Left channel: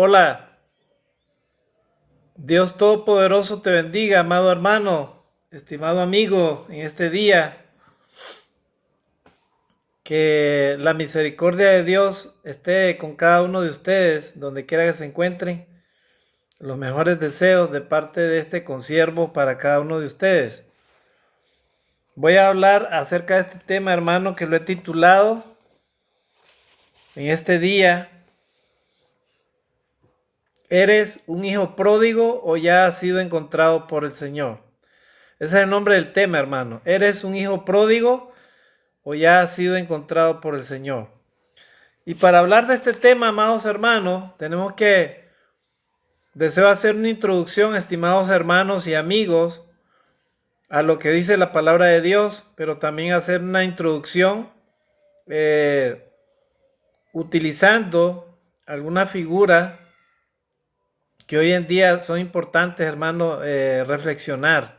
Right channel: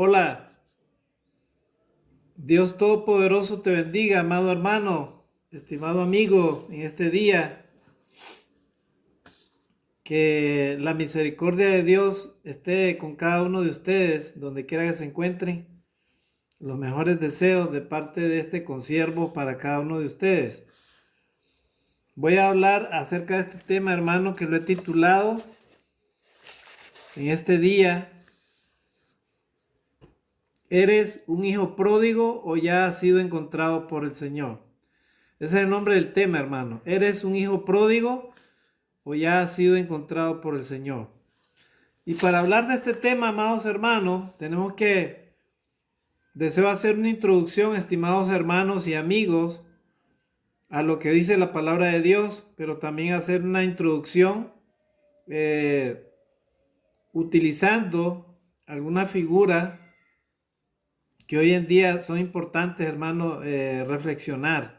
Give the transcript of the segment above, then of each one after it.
Hola, Dios Todopoderoso te bendiga, amado hermano, estimado amigo, en este día. Que la misericordia de Dios esté con cada uno de ustedes, donde quiera que se encuentren. Los mejores deseos de parte de este consiervo para cada uno de ustedes. Voy a hablar acerca de este tema, hermano, que lo he titulado en este día: ¿eres un hijo pródigo o ya has sido encontrado por el Señor? Ese es el nombre del tema, hermano. ¿Eres un hijo pródigo o ya has sido encontrado por el Señor? Y para hablar de este tema, amados hermanos, deseo hacer una introducción, estimados hermanos y amigos, a lo que dice la palabra de Dios, pero también hacer una introducción eh, utilizando alguna figura que hoy en día son importantes, hermanos, reflexionar.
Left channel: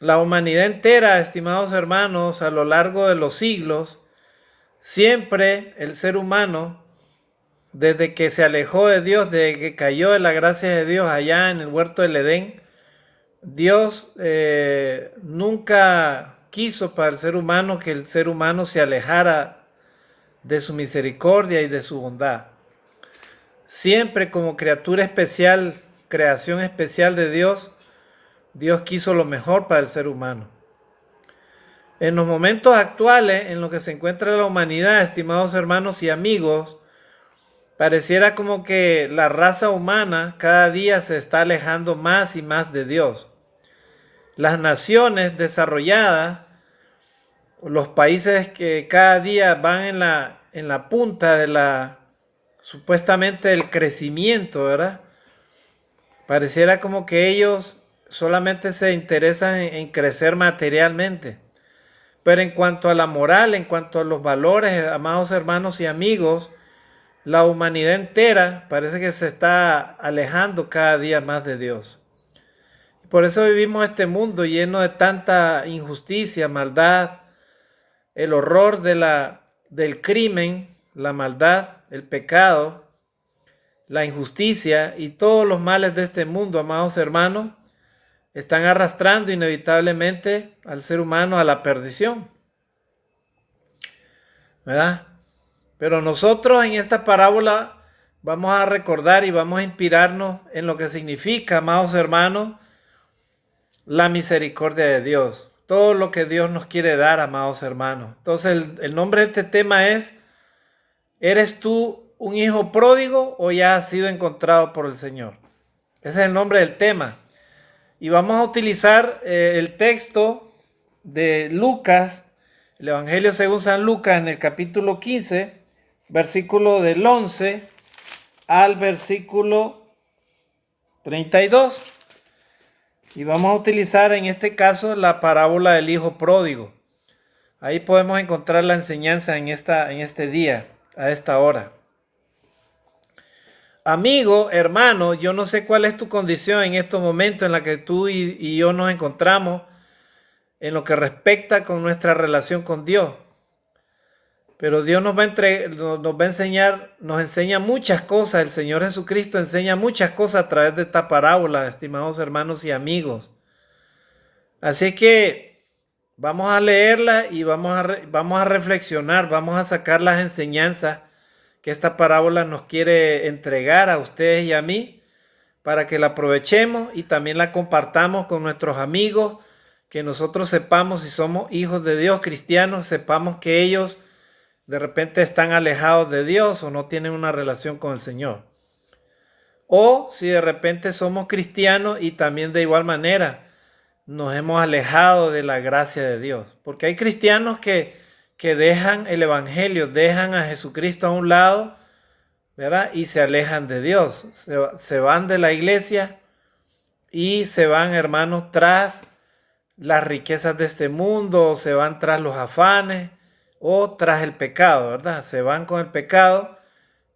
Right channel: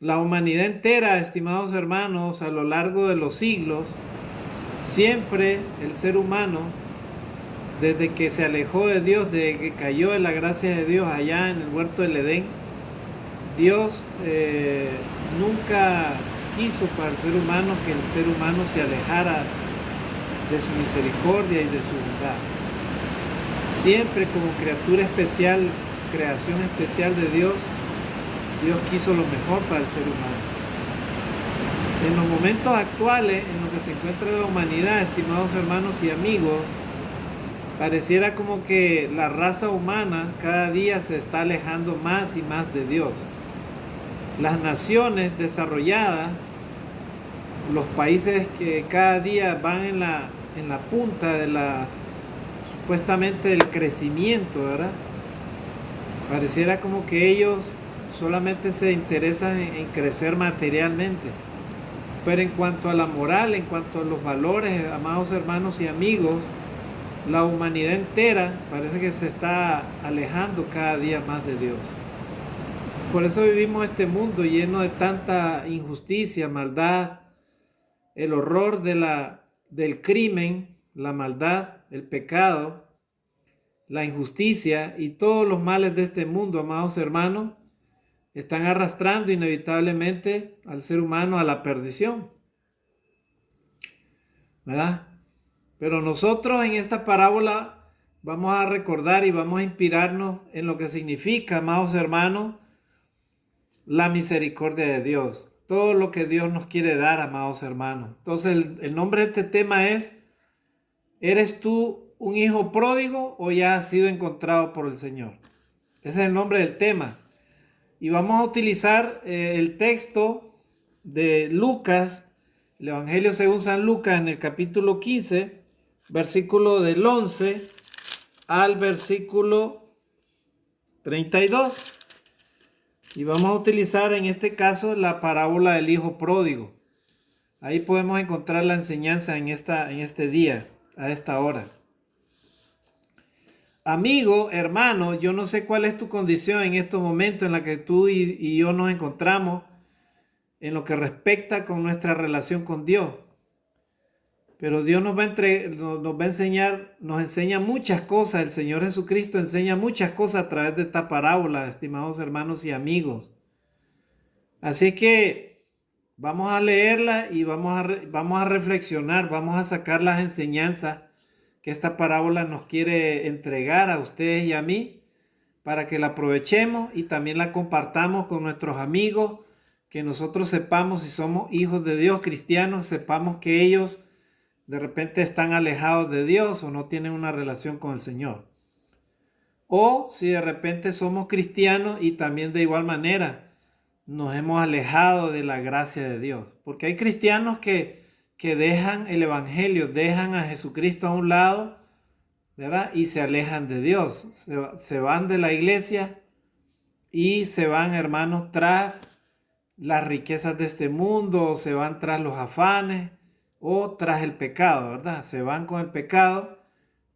La humanidad entera, estimados hermanos, a lo largo de los siglos, siempre el ser humano, desde que se alejó de Dios, desde que cayó de la gracia de Dios allá en el huerto del Edén, Dios nunca quiso para el ser humano que el ser humano se alejara de su misericordia y de su bondad. Siempre como criatura especial, creación especial de Dios, Dios quiso lo mejor para el ser humano. En los momentos actuales en los que se encuentra la humanidad, estimados hermanos y amigos, pareciera como que la raza humana cada día se está alejando más y más de Dios. Las naciones desarrolladas, los países que cada día van en la punta de supuestamente del crecimiento, ¿verdad? Pareciera como que ellos solamente se interesan en crecer materialmente. Pero en cuanto a la moral, en cuanto a los valores, amados hermanos y amigos, la humanidad entera parece que se está alejando cada día más de Dios. Por eso vivimos este mundo lleno de tanta injusticia, maldad, el horror del crimen, la maldad, el pecado, la injusticia y todos los males de este mundo, amados hermanos, están arrastrando inevitablemente al ser humano a la perdición, ¿verdad? Pero nosotros en esta parábola vamos a recordar y vamos a inspirarnos en lo que significa, amados hermanos, la misericordia de Dios. Todo lo que Dios nos quiere dar, amados hermanos. Entonces el nombre de este tema es: ¿eres tú un hijo pródigo o ya has sido encontrado por el Señor? Ese es el nombre del tema. Y vamos a utilizar el texto de Lucas, el Evangelio según San Lucas, en el capítulo 15, versículo del 11 al versículo 32. Y vamos a utilizar en este caso la parábola del hijo pródigo. Ahí podemos encontrar la enseñanza en este día, a esta hora. Amigo, hermano, yo no sé cuál es tu condición en estos momentos en la que tú y yo nos encontramos en lo que respecta con nuestra relación con Dios. Pero Dios nos va a enseñar, nos enseña muchas cosas. El Señor Jesucristo enseña muchas cosas a través de esta parábola, estimados hermanos y amigos. Así que vamos a leerla y vamos a reflexionar, vamos a sacar las enseñanzas que esta parábola nos quiere entregar a ustedes y a mí, para que la aprovechemos y también la compartamos con nuestros amigos, que nosotros sepamos, si somos hijos de Dios, cristianos, sepamos que ellos de repente están alejados de Dios o no tienen una relación con el Señor. O si de repente somos cristianos y también de igual manera nos hemos alejado de la gracia de Dios. Porque hay cristianos que dejan el Evangelio, dejan a Jesucristo a un lado, ¿verdad? Y se alejan de Dios. Se van de la iglesia y se van, hermanos, tras las riquezas de este mundo, o se van tras los afanes, o tras el pecado, ¿verdad? Se van con el pecado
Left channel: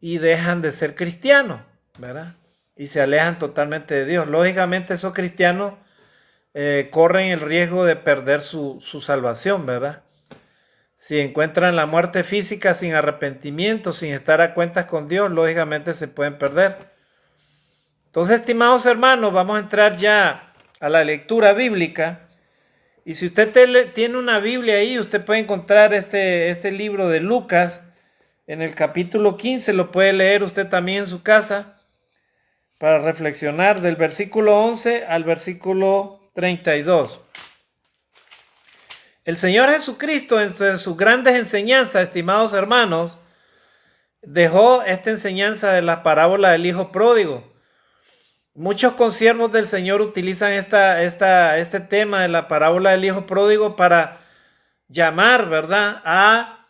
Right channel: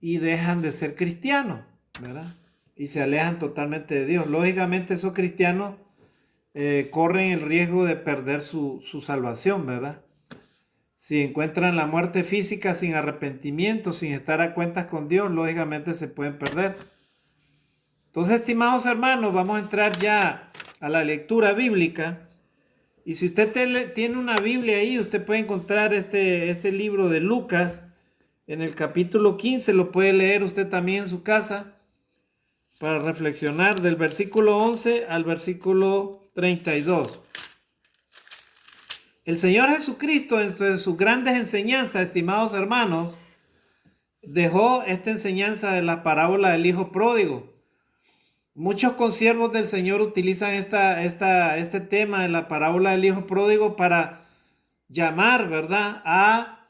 y dejan de ser cristianos, ¿verdad? Y se alejan totalmente de Dios. Lógicamente esos cristianos corren el riesgo de perder su salvación, ¿verdad? Si encuentran la muerte física sin arrepentimiento, sin estar a cuentas con Dios, lógicamente se pueden perder. Entonces, estimados hermanos, vamos a entrar ya a la lectura bíblica. Y si usted tiene una Biblia ahí, usted puede encontrar este libro de Lucas en el capítulo 15, lo puede leer usted también en su casa para reflexionar del versículo 11 al versículo 32. El Señor Jesucristo en sus grandes enseñanzas, estimados hermanos, dejó esta enseñanza de la parábola del hijo pródigo. Muchos consiervos del Señor utilizan este tema de la parábola del hijo pródigo para llamar, ¿verdad?, a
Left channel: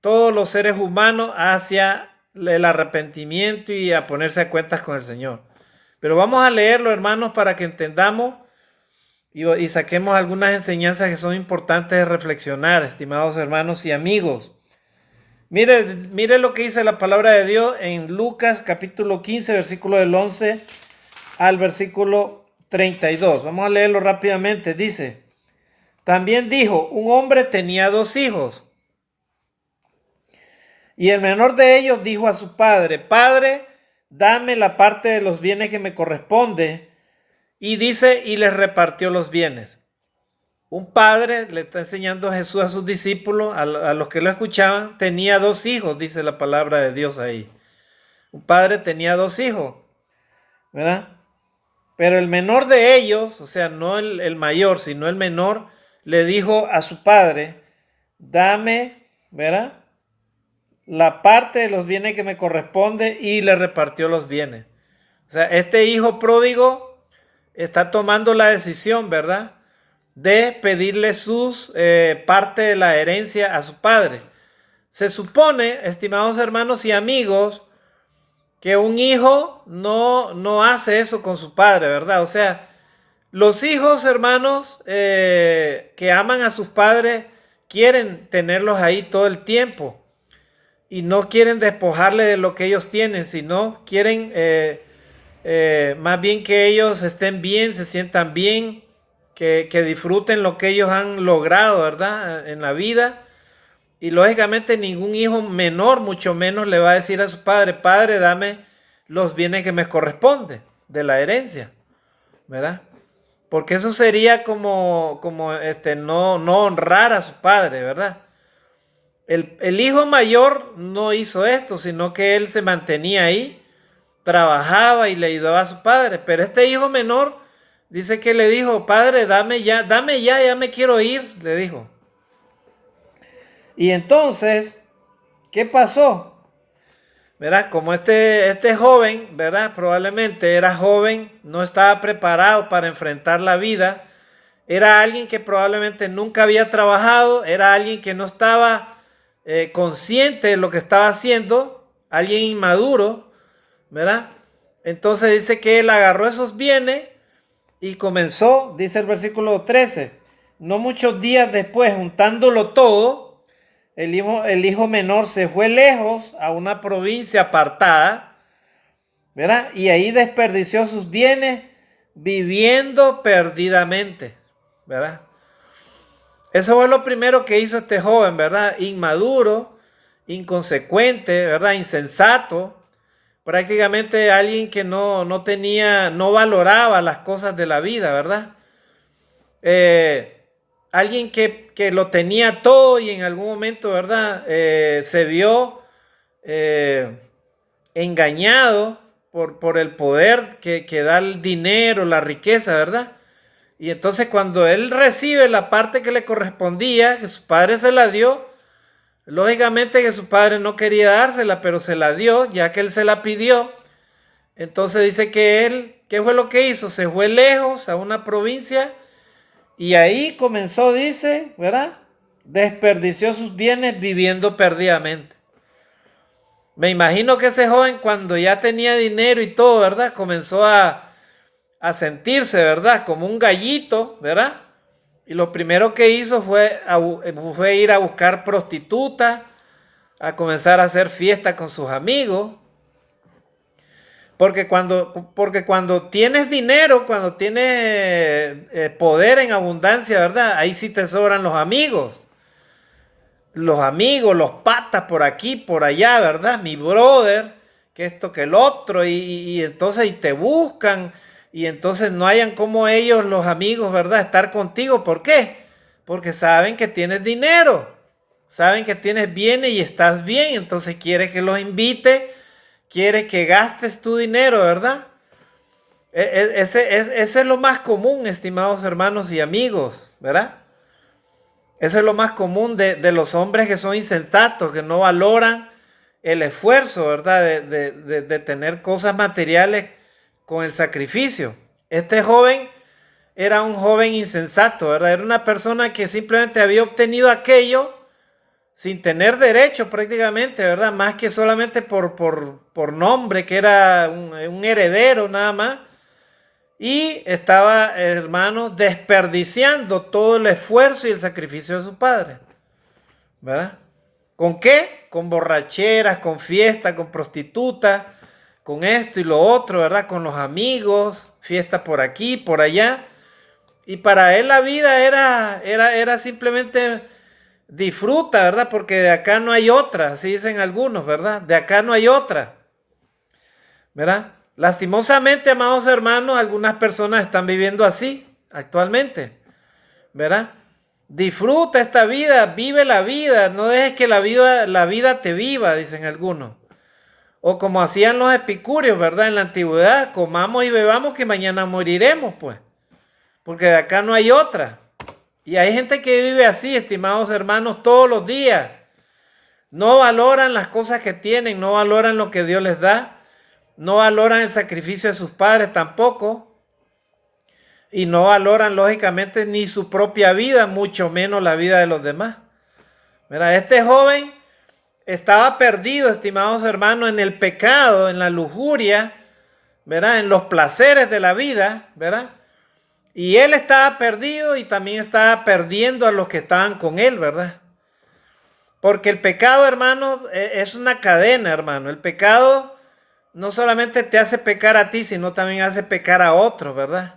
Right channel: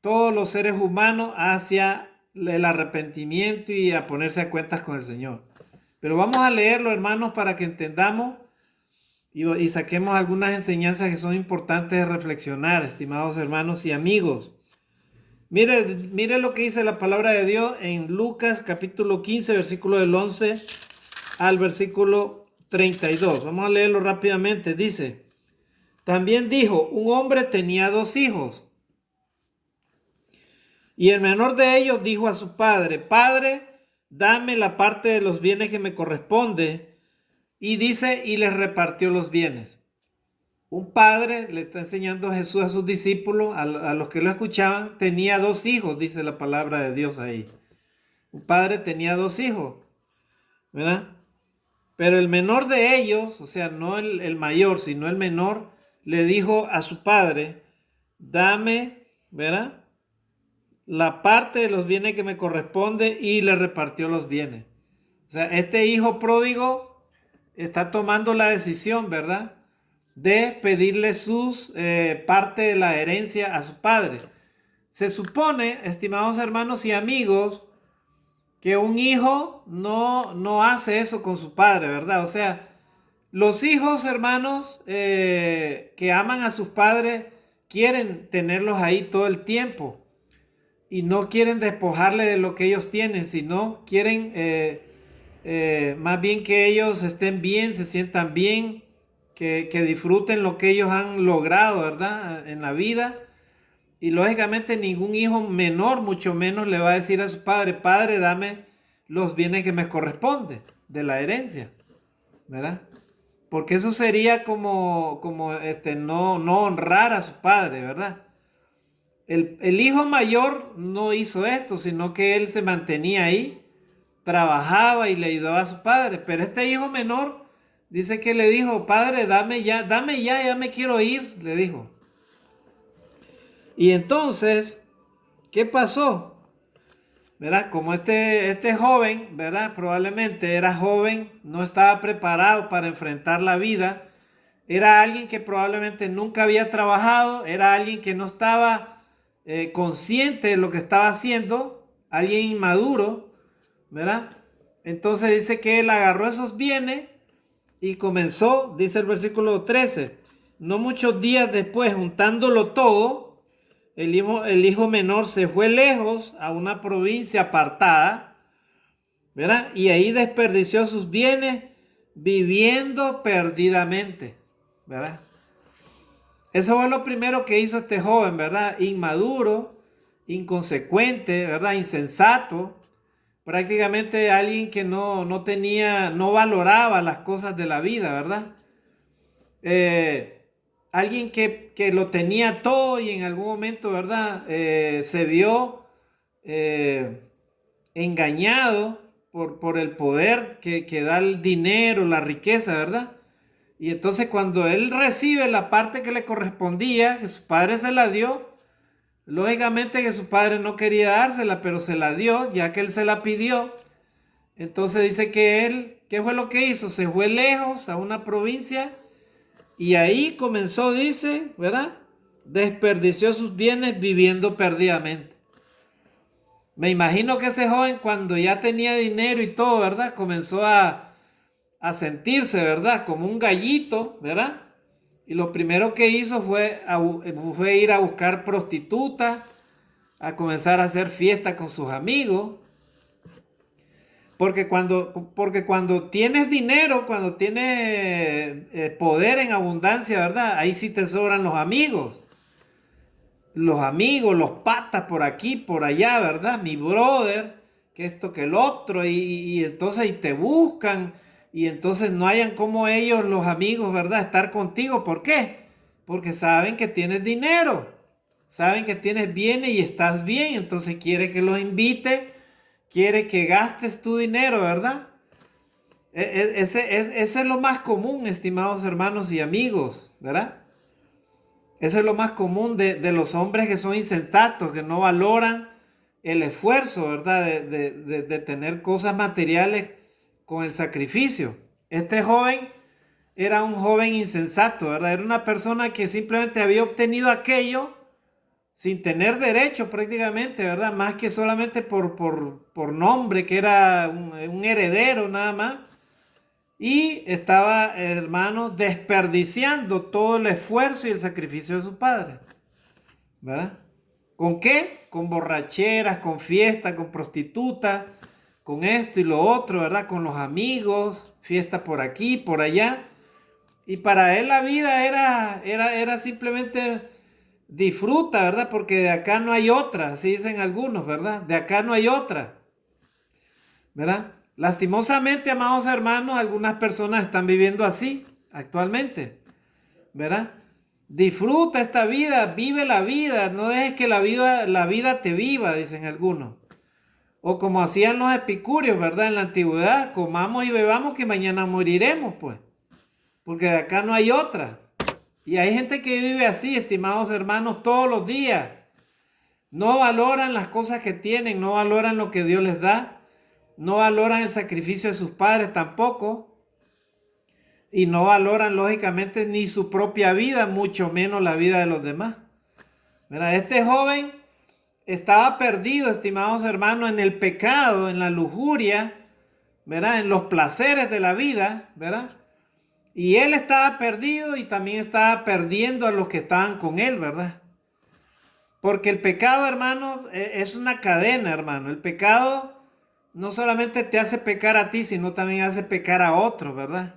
todos los seres humanos hacia el arrepentimiento y a ponerse a cuentas con el Señor. Pero vamos a leerlo, hermanos, para que entendamos y saquemos algunas enseñanzas que son importantes de reflexionar, estimados hermanos y amigos. Mire lo que dice la palabra de Dios en Lucas capítulo 15, versículo del 11 al versículo 32. Vamos a leerlo rápidamente. Dice, también dijo, un hombre tenía 2 hijos. Y el menor de ellos dijo a su padre, Padre, dame la parte de los bienes que me corresponde. Y dice, y les repartió los bienes. Un padre, le está enseñando a Jesús a sus discípulos, a los que lo escuchaban, tenía 2 hijos, dice la palabra de Dios ahí. Un padre tenía 2 hijos, ¿verdad? Pero el menor de ellos, o sea, no el mayor, sino el menor, le dijo a su padre, dame, ¿verdad?, la parte de los bienes que me corresponde, y le repartió los bienes. O sea, este hijo pródigo está tomando la decisión, ¿verdad?, de pedirle sus parte de la herencia a su padre. Se supone, estimados hermanos y amigos, que un hijo no hace eso con su padre, ¿verdad? O sea, los hijos, hermanos, que aman a sus padres, quieren tenerlos ahí todo el tiempo y no quieren despojarle de lo que ellos tienen, sino quieren más bien que ellos estén bien, se sientan bien, que disfruten lo que ellos han logrado, ¿verdad?, en la vida. Y lógicamente ningún hijo menor, mucho menos, le va a decir a su padre, Padre, dame los bienes que me corresponden de la herencia, ¿verdad? Porque eso sería como no honrar a su padre, ¿verdad? El hijo mayor no hizo esto, sino que él se mantenía ahí, trabajaba y le ayudaba a su padre. Pero este hijo menor dice que le dijo, Padre, dame ya, ya me quiero ir, le dijo. Y entonces, ¿qué pasó? ¿Verdad? Como este joven, ¿verdad?, probablemente era joven, no estaba preparado para enfrentar la vida, era alguien que probablemente nunca había trabajado, era alguien que no estaba consciente de lo que estaba haciendo, alguien inmaduro, ¿verdad? Entonces dice que él agarró esos bienes y comenzó, dice el versículo 13, no muchos días después, juntándolo todo, el hijo menor se fue lejos a una provincia apartada, ¿verdad? Y ahí desperdició sus bienes viviendo perdidamente, ¿verdad? Eso fue lo primero que hizo este joven, ¿verdad? Inmaduro, inconsecuente, ¿verdad? Insensato, prácticamente alguien que no valoraba las cosas de la vida, ¿verdad? Alguien que lo tenía todo y en algún momento, ¿verdad?, se vio engañado por el poder que da el dinero, la riqueza, ¿verdad? Y entonces cuando él recibe la parte que le correspondía, que su padre se la dio, lógicamente que su padre no quería dársela, pero se la dio, ya que él se la pidió. Entonces dice que él, ¿qué fue lo que hizo? Se fue lejos a una provincia y ahí comenzó, dice, ¿verdad?, desperdició sus bienes viviendo perdidamente. Me imagino que ese joven, cuando ya tenía dinero y todo, ¿verdad?, comenzó a sentirse, ¿verdad?, como un gallito, ¿verdad? Y lo primero que hizo fue ir a buscar prostitutas, a comenzar a hacer fiesta con sus amigos. Porque cuando tienes dinero, cuando tienes poder en abundancia, ¿verdad?, ahí sí te sobran los amigos. los amigos, los patas por aquí, por allá, ¿verdad? Mi brother, que esto, que el otro, y entonces y te buscan, y entonces no hayan como ellos, los amigos, ¿verdad? Estar contigo. ¿Por qué? Porque saben que tienes dinero, saben que tienes bienes y estás bien, entonces quiere que los invite, quiere que gastes tu dinero, ¿verdad? Ese es lo más común, estimados hermanos y amigos, ¿verdad? Eso es lo más común de los hombres que son insensatos, que no valoran el esfuerzo, ¿verdad? De tener cosas materiales con el sacrificio. Este joven era un joven insensato, ¿verdad? Era una persona que simplemente había obtenido aquello sin tener derecho prácticamente, ¿verdad? Más que solamente por nombre, que era un heredero nada más. Y estaba, hermano, desperdiciando todo el esfuerzo y el sacrificio de su padre, ¿verdad? ¿Con qué? Con borracheras, con fiesta, con prostituta, con esto y lo otro, ¿verdad? Con los amigos, fiesta por aquí, por allá. Y para él la vida era simplemente disfruta, ¿verdad? Porque de acá no hay otra, así dicen algunos, ¿verdad? De acá no hay otra, ¿verdad? Lastimosamente, amados hermanos, algunas personas están viviendo así actualmente, ¿verdad? Disfruta esta vida, vive la vida, no dejes que la vida te viva, dicen algunos. O como hacían los epicúreos, ¿verdad? En la antigüedad, comamos y bebamos que mañana moriremos, pues, porque de acá no hay otra. Y hay gente que vive así, estimados hermanos, todos los días. No valoran las cosas que tienen, no valoran lo que Dios les da, no valoran el sacrificio de sus padres tampoco, y no valoran lógicamente ni su propia vida, mucho menos la vida de los demás. Mira, este joven estaba perdido, estimados hermanos, en el pecado, en la lujuria, ¿verdad? En los placeres de la vida, ¿verdad? Y él estaba perdido y también estaba perdiendo a los que estaban con él, ¿verdad? Porque el pecado, hermano, es una cadena, hermano. El pecado no solamente te hace pecar a ti, sino también hace pecar a otros, ¿verdad?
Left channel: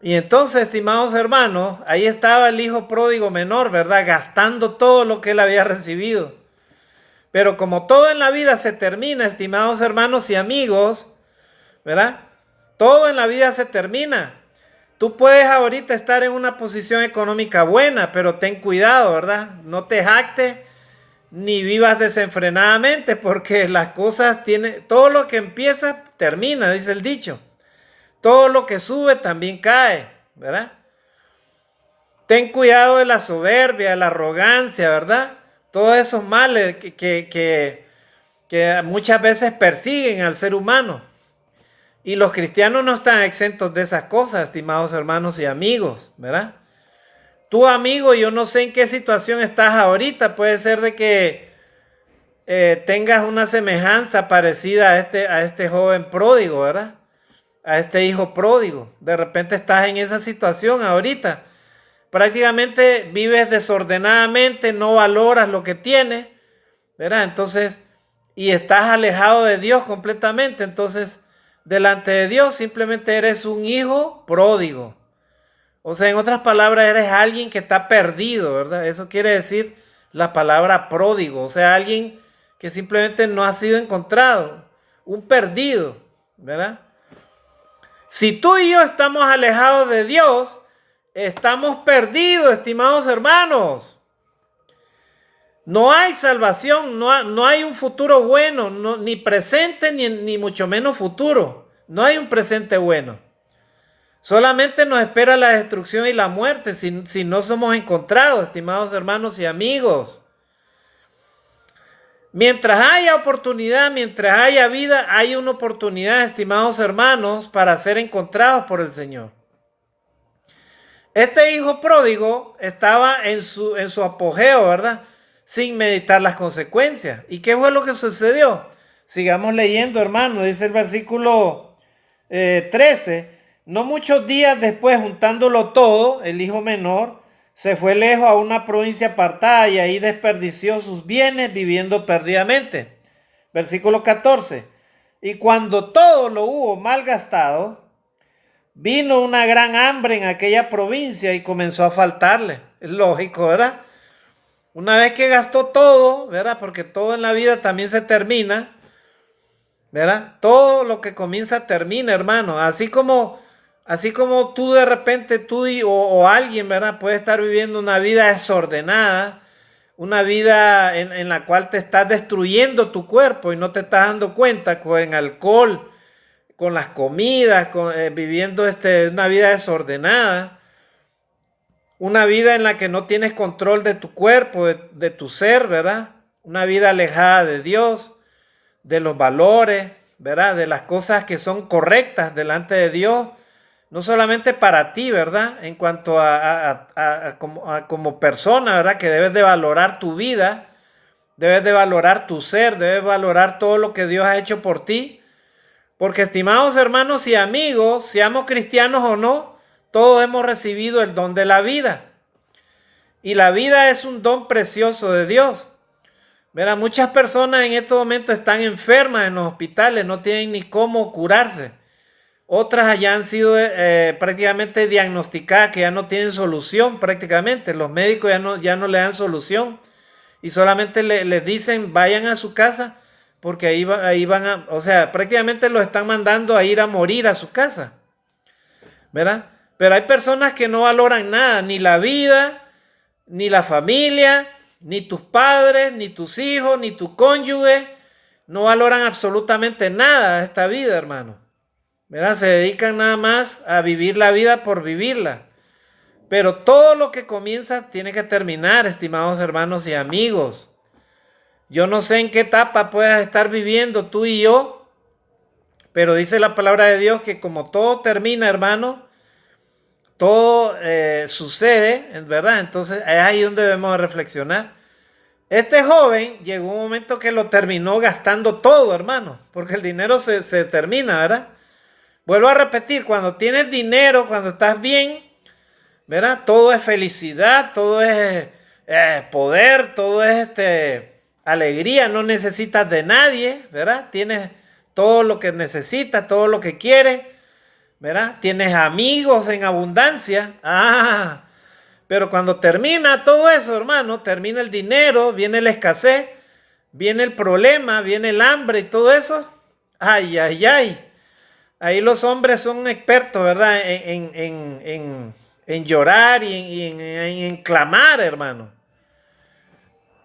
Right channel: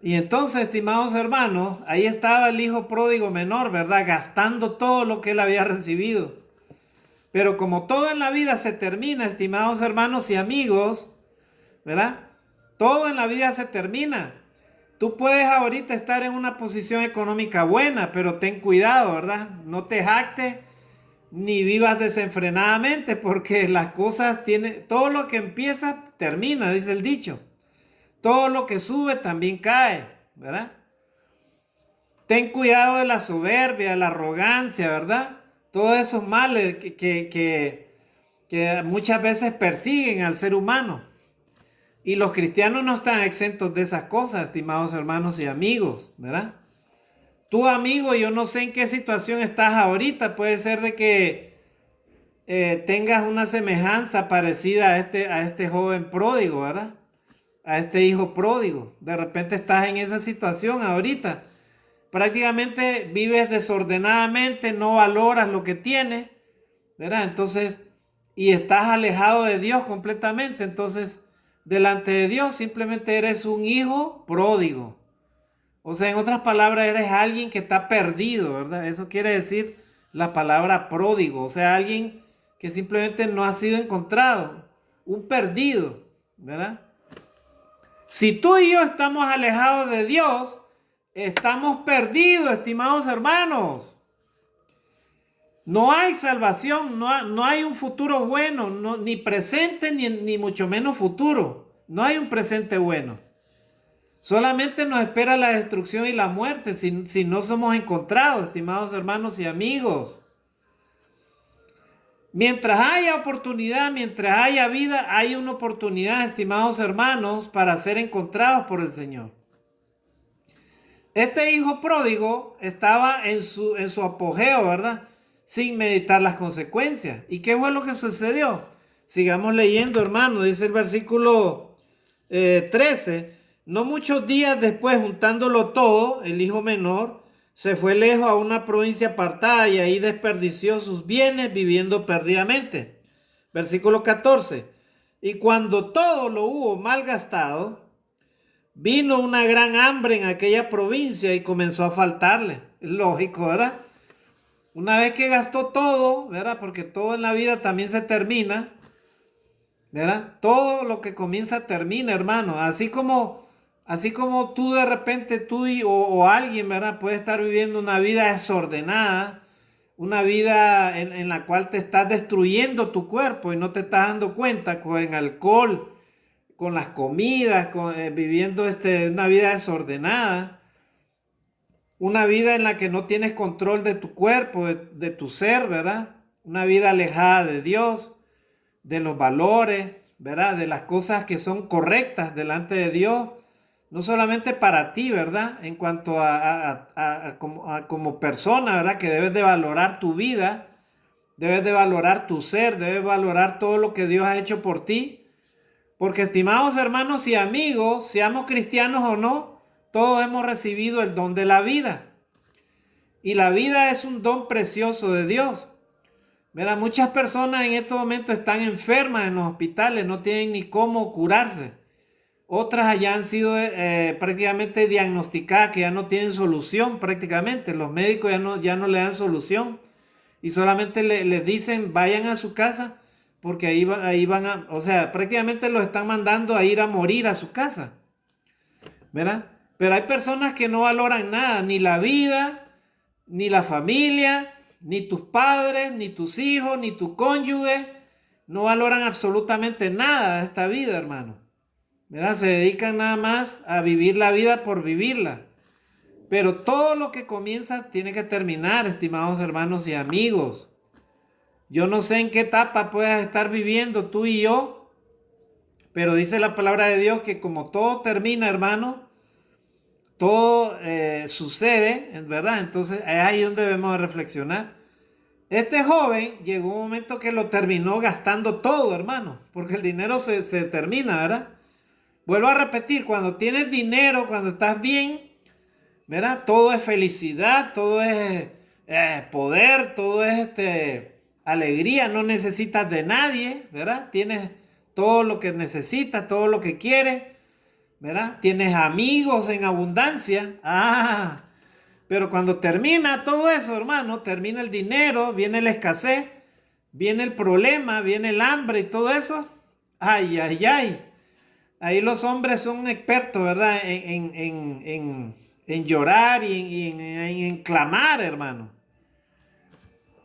Y entonces, estimados hermanos, ahí estaba el hijo pródigo menor, ¿verdad? Gastando todo lo que él había recibido. Pero como todo en la vida se termina, estimados hermanos y amigos, ¿verdad? Todo en la vida se termina. Tú puedes ahorita estar en una posición económica buena, pero ten cuidado, ¿verdad? No te jactes ni vivas desenfrenadamente, porque las cosas tienen, todo lo que empieza termina, dice el dicho. Todo lo que sube también cae, ¿verdad? Ten cuidado de la soberbia, de la arrogancia, ¿verdad? Todos esos males que muchas veces persiguen al ser humano. Y los cristianos no están exentos de esas cosas, estimados hermanos y amigos, ¿verdad? Tú, amigo, yo no sé en qué situación estás ahorita. Puede ser de que tengas una semejanza parecida a este joven pródigo, ¿verdad? A este hijo pródigo. De repente estás en esa situación ahorita. Prácticamente vives desordenadamente, no valoras lo que tienes, ¿verdad? Entonces, y estás alejado de Dios completamente. Entonces, delante de Dios simplemente eres un hijo pródigo. O sea, en otras palabras, eres alguien que está perdido, ¿verdad? Eso quiere decir la palabra pródigo. O sea, alguien que simplemente no ha sido encontrado. Un perdido, ¿verdad? Si tú y yo estamos alejados de Dios, estamos perdidos, estimados hermanos. No hay salvación, no hay un futuro bueno, ni presente ni mucho menos futuro. No hay un presente bueno. Solamente nos espera la destrucción y la muerte si no somos encontrados, estimados hermanos y amigos. Mientras haya oportunidad, mientras haya vida, hay una oportunidad, estimados hermanos, para ser encontrados por el Señor. Este hijo pródigo estaba en su apogeo, ¿verdad? Sin meditar las consecuencias. ¿Y qué fue lo que sucedió? Sigamos leyendo, hermano. Dice el versículo 13. No muchos días después, juntándolo todo, el hijo menor se fue lejos a una provincia apartada y ahí desperdició sus bienes viviendo perdidamente. Versículo 14. Y cuando todo lo hubo malgastado, vino una gran hambre en aquella provincia y comenzó a faltarle. Es lógico, ¿verdad? Una vez que gastó todo, ¿verdad? Porque todo en la vida también se termina, ¿verdad? Todo lo que comienza termina, hermano. Así como tú de repente, o alguien, ¿verdad? Puede estar viviendo una vida desordenada, una vida en la cual te estás destruyendo tu cuerpo y no te estás dando cuenta con el alcohol, con las comidas, viviendo una vida desordenada, una vida en la que no tienes control de tu cuerpo, de tu ser, ¿verdad? Una vida alejada de Dios, de los valores, ¿verdad? De las cosas que son correctas delante de Dios, no solamente para ti, ¿verdad? En cuanto como persona, ¿verdad? Que debes de valorar tu vida, debes de valorar tu ser, debes valorar todo lo que Dios ha hecho por ti. Porque, estimados hermanos y amigos, seamos cristianos o no, todos hemos recibido el don de la vida. Y la vida es un don precioso de Dios. Verá, muchas personas en estos momentos están enfermas en los hospitales, no tienen ni cómo curarse. Otras ya han sido prácticamente diagnosticadas que ya no tienen solución prácticamente. Los médicos ya no le dan solución y solamente les dicen vayan a su casa porque ahí van o sea, prácticamente los están mandando a ir a morir a su casa, ¿verdad? Pero hay personas que no valoran nada, ni la vida, ni la familia, ni tus padres, ni tus hijos, ni tu cónyuge, no valoran absolutamente nada de esta vida, hermano. ¿Verdad? Se dedican nada más a vivir la vida por vivirla. Pero todo lo que comienza tiene que terminar, estimados hermanos y amigos. Yo no sé en qué etapa puedas estar viviendo tú y yo, pero dice la palabra de Dios que como todo termina, hermano, todo sucede, ¿verdad? Entonces es ahí donde debemos reflexionar. Este joven llegó un momento que lo terminó gastando todo, hermano, porque el dinero se termina, ¿verdad? Vuelvo a repetir, cuando tienes dinero, cuando estás bien, ¿verdad? Todo es felicidad, todo es poder, todo es alegría, no necesitas de nadie, ¿verdad? Tienes todo lo que necesitas, todo lo que quieres, ¿verdad? Tienes amigos en abundancia. Pero cuando termina todo eso, hermano, termina el dinero, viene la escasez, viene el problema, viene el hambre y todo eso. Ay, ay, ay. Ahí los hombres son expertos, ¿verdad? En llorar y en clamar, hermano.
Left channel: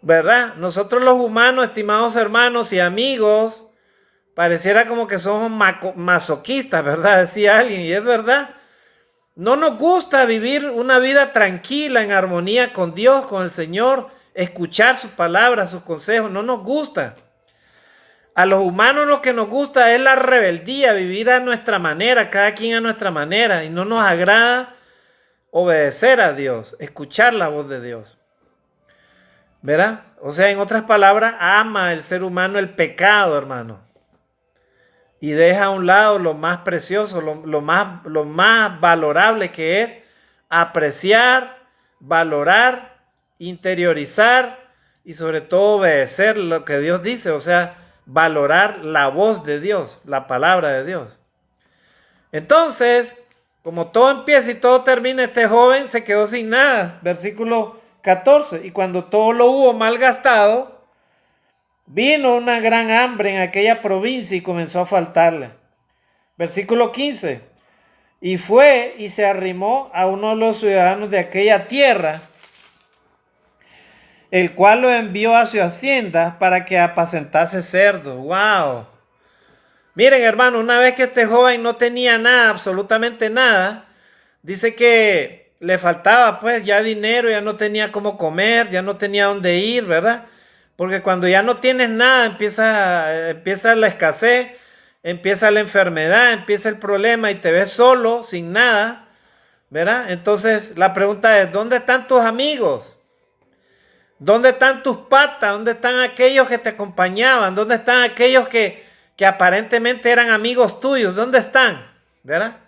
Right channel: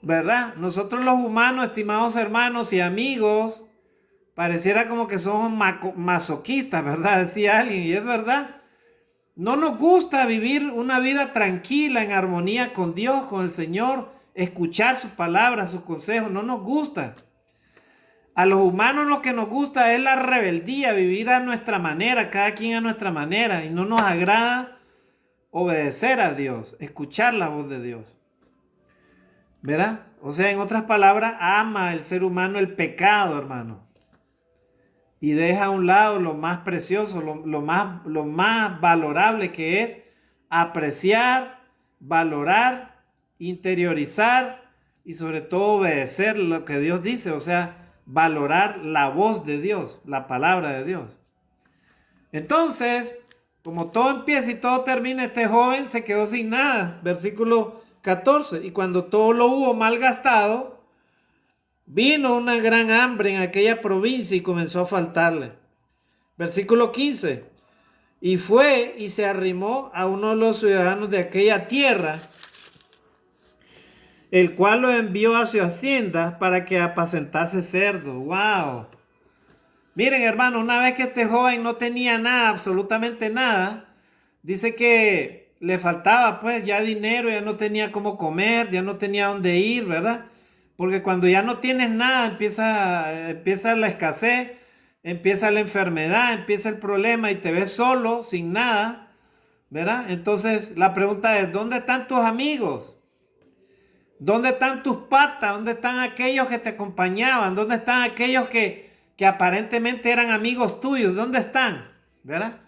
¿Verdad? Nosotros los humanos, estimados hermanos y amigos, pareciera como que somos masoquistas, ¿verdad? Decía alguien, y es verdad. No nos gusta vivir una vida tranquila, en armonía con Dios, con el Señor, escuchar sus palabras, sus consejos, no nos gusta. A los humanos lo que nos gusta es la rebeldía, vivir a nuestra manera, cada quien a nuestra manera, y no nos agrada obedecer a Dios, escuchar la voz de Dios. ¿Verdad? O sea, en otras palabras, ama el ser humano el pecado, hermano. Y deja a un lado lo más precioso, lo más valorable que es apreciar, valorar, interiorizar y sobre todo obedecer lo que Dios dice, o sea, valorar la voz de Dios, la palabra de Dios. Entonces, como todo empieza y todo termina, este joven se quedó sin nada. Versículo 14. Y cuando todo lo hubo malgastado, vino una gran hambre en aquella provincia y comenzó a faltarle. Versículo 15. Y fue y se arrimó a uno de los ciudadanos de aquella tierra, el cual lo envió a su hacienda para que apacentase cerdos. ¡Wow! Miren, hermano, una vez que este joven no tenía nada, absolutamente nada, dice que le faltaba pues ya dinero, ya no tenía cómo comer, ya no tenía dónde ir, ¿verdad? Porque cuando ya no tienes nada, empieza la escasez, empieza la enfermedad, empieza el problema y te ves solo, sin nada, ¿verdad? Entonces la pregunta es, ¿dónde están tus amigos? ¿Dónde están tus patas? ¿Dónde están aquellos que te acompañaban? ¿Dónde están aquellos que aparentemente eran amigos tuyos? ¿Dónde están? ¿Verdad?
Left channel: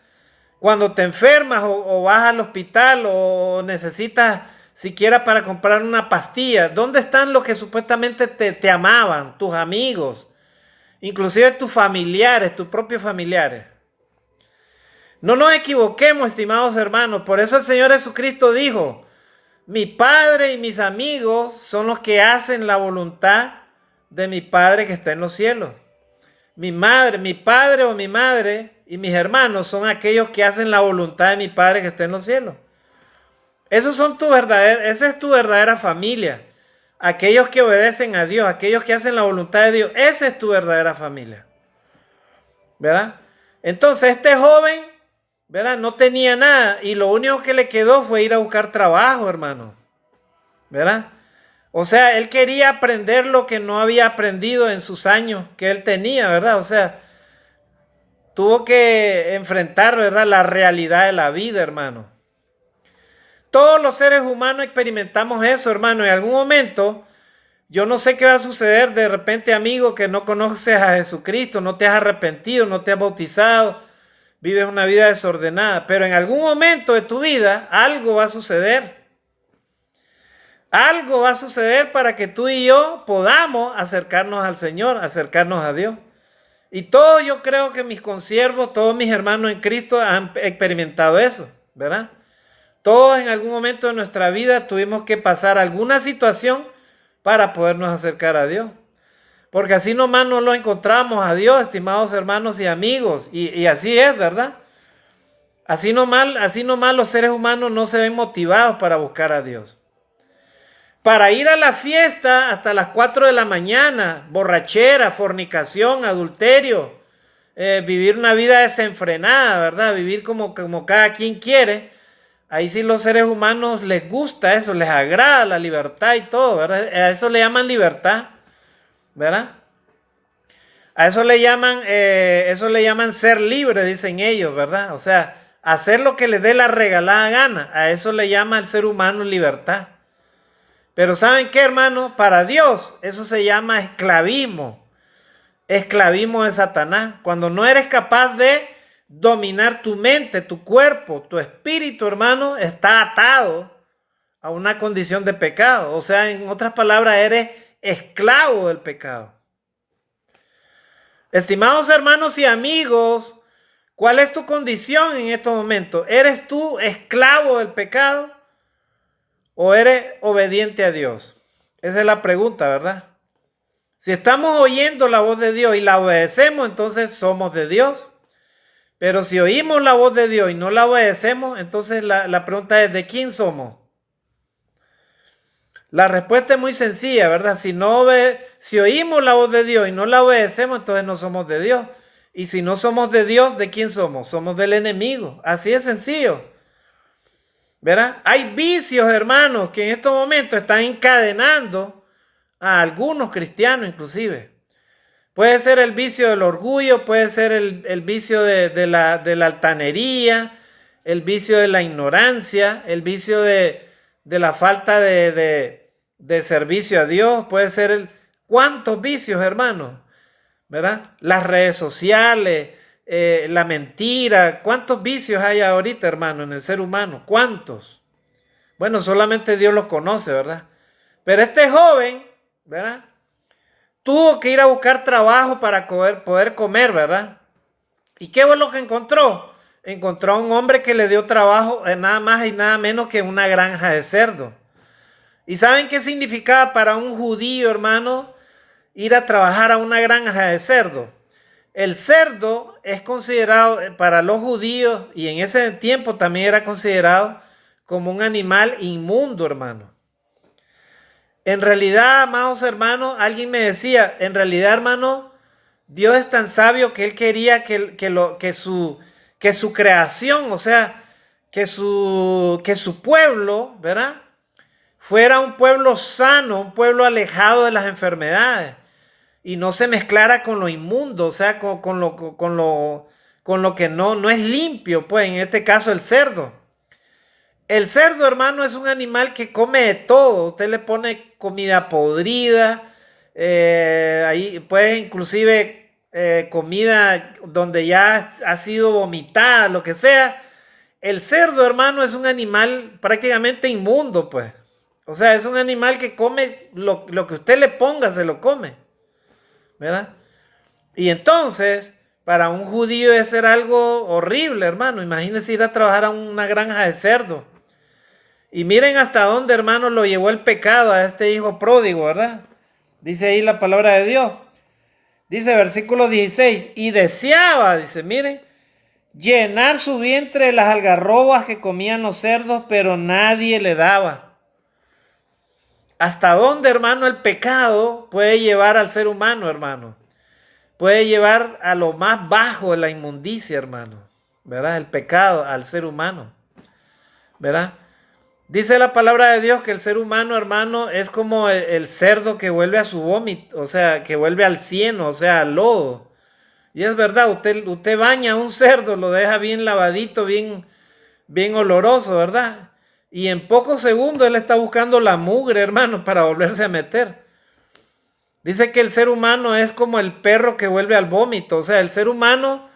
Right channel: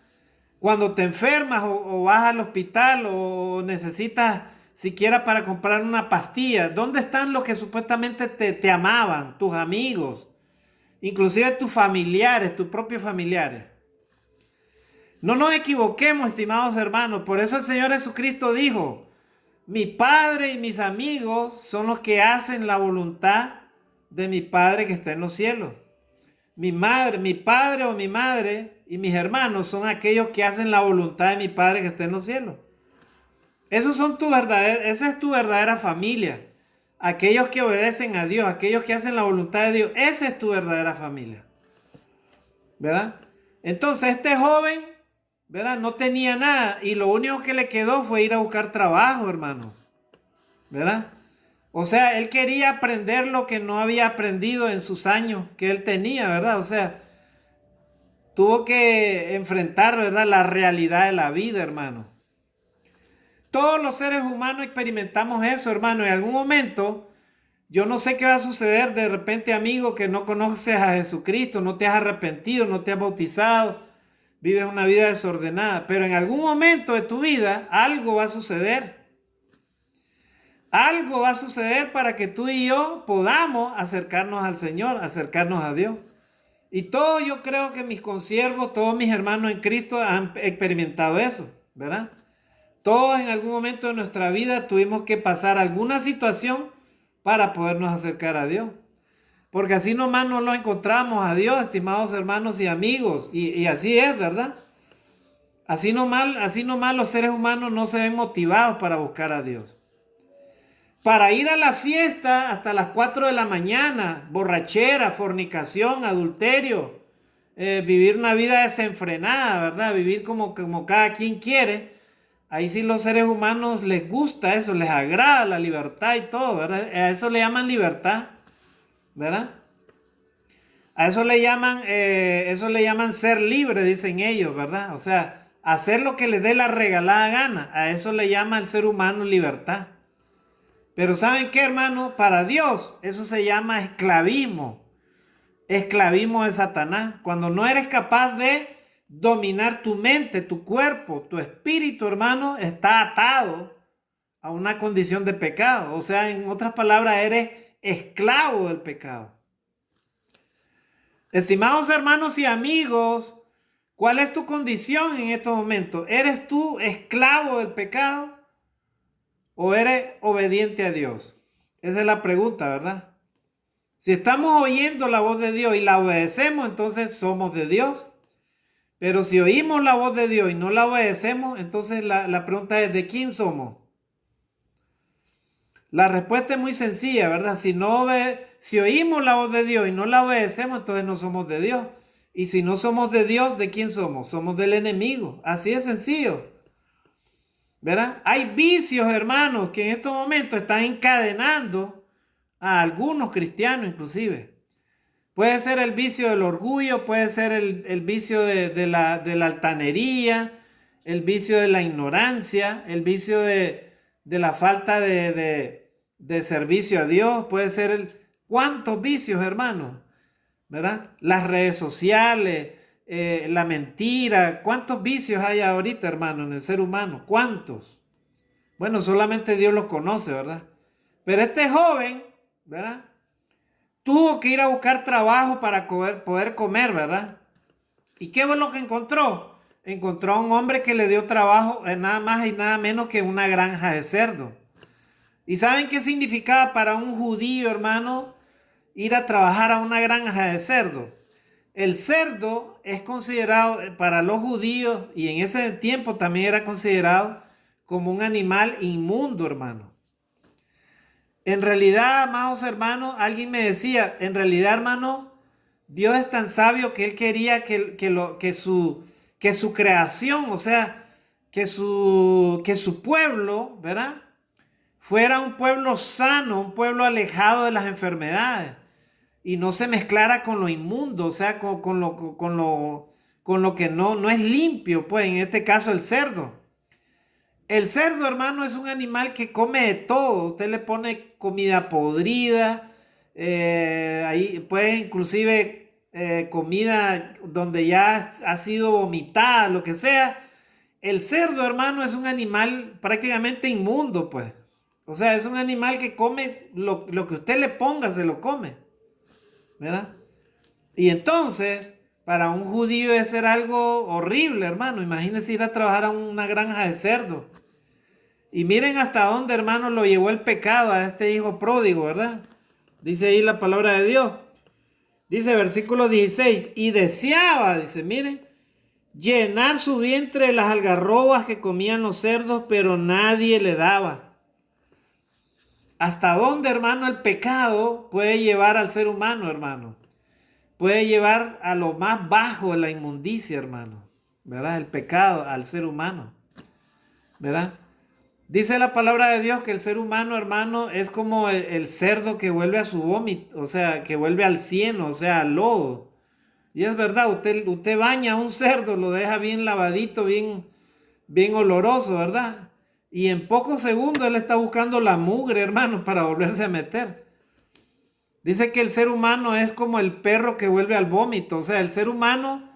Cuando te enfermas o vas al hospital o necesitas siquiera para comprar una pastilla, ¿dónde están los que supuestamente te amaban? Tus amigos, inclusive tus familiares, tus propios familiares. No nos equivoquemos, estimados hermanos. Por eso el Señor Jesucristo dijo, Mi padre y mis amigos son los que hacen la voluntad de mi Padre que está en los cielos. Mi madre, mi padre o mi madre y mis hermanos son aquellos que hacen la voluntad de mi Padre que está en los cielos. Esa es tu verdadera familia. Aquellos que obedecen a Dios, aquellos que hacen la voluntad de Dios, esa es tu verdadera familia. ¿Verdad? Entonces este joven, ¿verdad? No tenía nada y lo único que le quedó fue ir a buscar trabajo, hermano. ¿Verdad? O sea, él quería aprender lo que no había aprendido en sus años que él tenía, ¿verdad? O sea, tuvo que enfrentar, ¿verdad? La realidad de la vida, hermano. Todos los seres humanos experimentamos eso, hermano. En algún momento, yo no sé qué va a suceder. De repente, amigo, que no conoces a Jesucristo, no te has arrepentido, no te has bautizado, vives una vida desordenada. Pero en algún momento de tu vida, algo va a suceder. Algo va a suceder para que tú y yo podamos acercarnos al Señor, acercarnos a Dios. Y todos, yo creo que mis consiervos, todos mis hermanos en Cristo han experimentado eso, ¿verdad? Todos en algún momento de nuestra vida tuvimos que pasar alguna situación para podernos acercar a Dios. Porque así nomás no lo encontramos a Dios, estimados hermanos y amigos. Y así es, ¿verdad? Así nomás los seres humanos no se ven motivados para buscar a Dios. Para ir a la fiesta hasta las 4 de la mañana, borrachera, fornicación, adulterio, vivir una vida desenfrenada, ¿verdad? Vivir como cada quien quiere. Ahí sí los seres humanos les gusta eso, les agrada la libertad y todo, ¿verdad? A eso le llaman libertad, ¿verdad? A eso le llaman ser libre, dicen ellos, ¿verdad? O sea, hacer lo que les dé la regalada gana. A eso le llama el ser humano libertad. Pero ¿saben qué, hermano? Para Dios eso se llama esclavismo. Esclavismo de Satanás. Cuando no eres capaz de dominar tu mente, tu cuerpo, tu espíritu, hermano, está atado a una condición de pecado. O sea, en otras palabras, eres esclavo del pecado. Estimados hermanos y amigos, ¿cuál es tu condición en estos momentos? ¿Eres tú esclavo del pecado o eres obediente a Dios? Esa es la pregunta, ¿verdad? Si estamos oyendo la voz de Dios y la obedecemos, entonces somos de Dios. Pero si oímos la voz de Dios y no la obedecemos, entonces la pregunta es, ¿de quién somos? La respuesta es muy sencilla, ¿verdad? Si oímos la voz de Dios y no la obedecemos, entonces no somos de Dios. Y si no somos de Dios, ¿de quién somos? Somos del enemigo. Así de sencillo. ¿Verdad? Hay vicios, hermanos, que en estos momentos están encadenando a algunos cristianos inclusive. Puede ser el vicio del orgullo, puede ser el vicio de la altanería, el vicio de la ignorancia, el vicio de la falta de servicio a Dios, puede ser ¿cuántos vicios, hermanos? ¿Verdad? Las redes sociales, la mentira, ¿cuántos vicios hay ahorita, hermano, en el ser humano? ¿Cuántos? Bueno, solamente Dios los conoce, ¿verdad? Pero este joven, ¿verdad? Tuvo que ir a buscar trabajo para poder comer, ¿verdad? ¿Y qué fue lo que encontró? Encontró a un hombre que le dio trabajo en nada más y nada menos que una granja de cerdo. ¿Y saben qué significaba para un judío, hermano, ir a trabajar a una granja de cerdo? El cerdo es considerado para los judíos y en ese tiempo también era considerado como un animal inmundo, hermano. En realidad, amados hermanos, alguien me decía, en realidad, hermano, Dios es tan sabio que Él quería que su creación, o sea, que su pueblo, ¿verdad? Fuera un pueblo sano, un pueblo alejado de las enfermedades y no se mezclara con lo inmundo, o sea, con lo que no es limpio, pues en este caso el cerdo. El cerdo, hermano, es un animal que come de todo. Usted le pone comida podrida, ahí puede inclusive comida donde ya ha sido vomitada, lo que sea. El cerdo, hermano, es un animal prácticamente inmundo, pues. O sea, es un animal que come lo que usted le ponga, se lo come, ¿verdad? Y entonces, para un judío debe ser algo horrible, hermano. Imagínese ir a trabajar a una granja de cerdo. Y miren hasta dónde, hermanos, lo llevó el pecado a este hijo pródigo, ¿verdad? Dice ahí la palabra de Dios. Dice versículo 16, y deseaba, dice, miren, llenar su vientre de las algarrobas que comían los cerdos, pero nadie le daba. ¿Hasta dónde, hermano, el pecado puede llevar al ser humano, hermano? Puede llevar a lo más bajo de la inmundicia, hermano. ¿Verdad? El pecado al ser humano. ¿Verdad? Dice la palabra de Dios que el ser humano, hermano, es como el cerdo que vuelve a su vómito, o sea, que vuelve al cieno, o sea, al lodo. Y es verdad, usted baña a un cerdo, lo deja bien lavadito, bien oloroso, ¿verdad? Y en pocos segundos él está buscando la mugre, hermano, para volverse a meter. Dice que el ser humano es como el perro que vuelve al vómito. O sea, el ser humano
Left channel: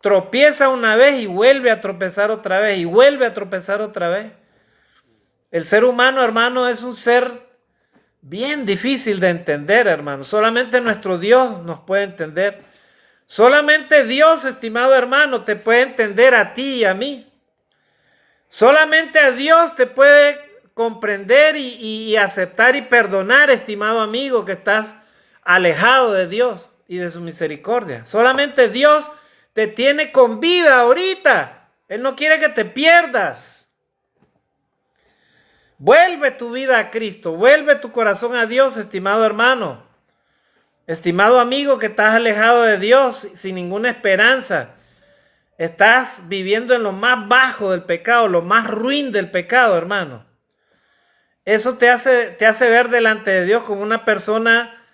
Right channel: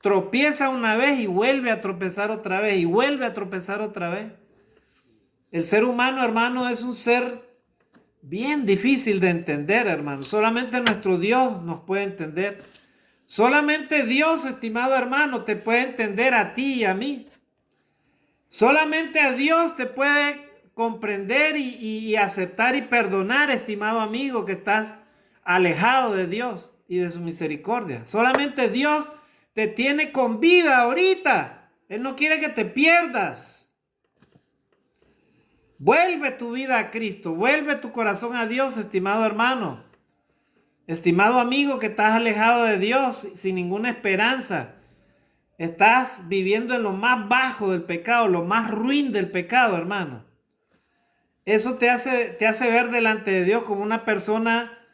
tropieza una vez y vuelve a tropezar otra vez y vuelve a tropezar otra vez. El ser humano, hermano, es un ser bien difícil de entender, hermano. Solamente nuestro Dios nos puede entender. Solamente Dios, estimado hermano, te puede entender a ti y a mí. Solamente a Dios te puede comprender y aceptar y perdonar, estimado amigo, que estás alejado de Dios y de su misericordia. Solamente Dios te tiene con vida ahorita. Él no quiere que te pierdas. Vuelve tu vida a Cristo, vuelve tu corazón a Dios, estimado hermano. Estimado amigo que estás alejado de Dios sin ninguna esperanza. Estás viviendo en lo más bajo del pecado, lo más ruin del pecado, hermano. Eso te hace ver delante de Dios como una persona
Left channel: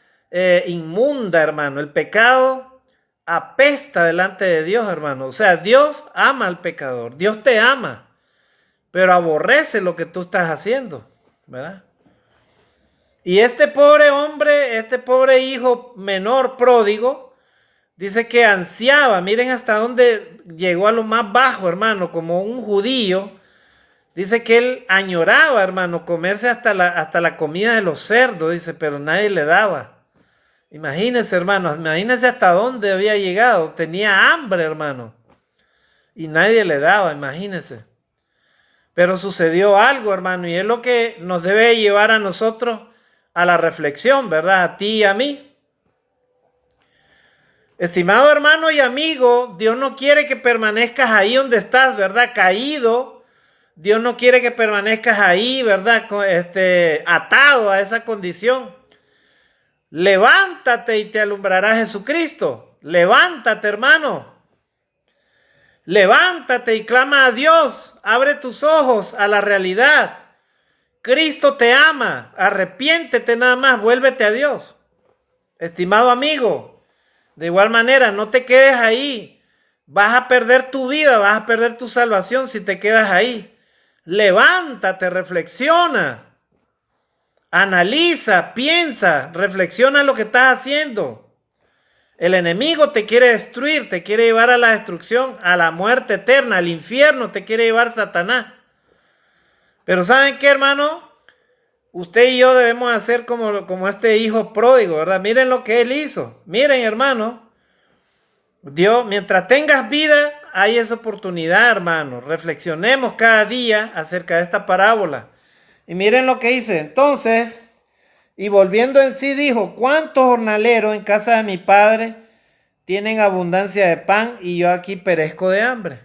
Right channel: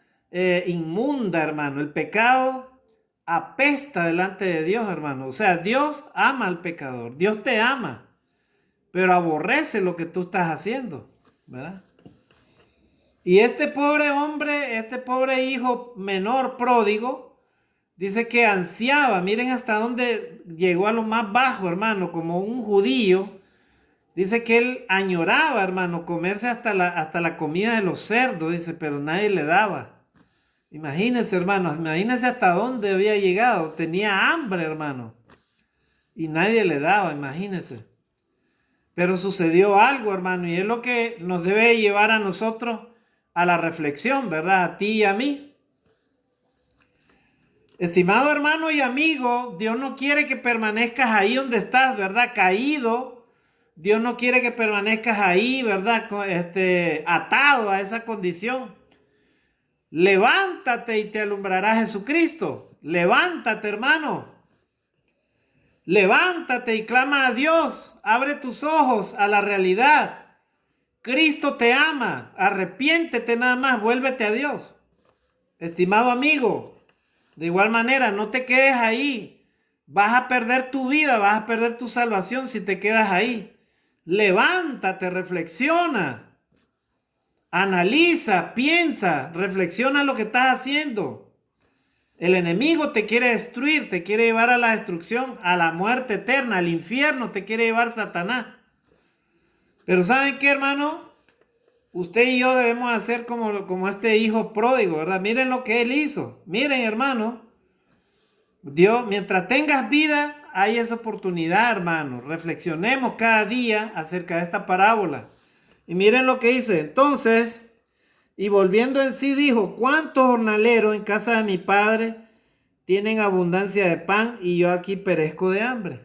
inmunda, hermano. El pecado apesta delante de Dios, hermano. O sea, Dios ama al pecador. Dios te ama, pero aborrece lo que tú estás haciendo, ¿verdad? Y este pobre hombre, este pobre hijo menor pródigo, dice que ansiaba, miren hasta dónde llegó a lo más bajo, hermano, como un judío. Dice que él añoraba, hermano, comerse hasta la comida de los cerdos, dice, pero nadie le daba. Imagínense, hermano, imagínense hasta dónde había llegado. Tenía hambre, hermano, y nadie le daba, imagínense. Pero sucedió algo, hermano, y es lo que nos debe llevar a nosotros a la reflexión, ¿verdad? A ti y a mí. Estimado hermano y amigo, Dios no quiere que permanezcas ahí donde estás, ¿verdad? Caído. Dios no quiere que permanezcas ahí, ¿verdad? Atado a esa condición. Levántate y te alumbrará Jesucristo. Levántate, hermano. Levántate y clama a Dios. Abre tus ojos a la realidad. Cristo te ama. Arrepiéntete nada más. Vuélvete a Dios. Estimado amigo, de igual manera, no te quedes ahí. Vas a perder tu vida, vas a perder tu salvación si te quedas ahí. Levántate, reflexiona. Analiza, piensa, reflexiona lo que estás haciendo. El enemigo te quiere destruir, te quiere llevar a la destrucción, a la muerte eterna, al infierno te quiere llevar Satanás. Pero ¿saben qué, hermano? Usted y yo debemos hacer como este hijo pródigo, ¿verdad? Miren lo que él hizo. Miren, hermano. Dios, mientras tengas vida, hay esa oportunidad, hermano. Reflexionemos cada día acerca de esta parábola. Y miren lo que dice. Entonces, y volviendo en sí, dijo, ¿cuántos jornaleros en casa de mi padre tienen abundancia de pan y yo aquí perezco de hambre?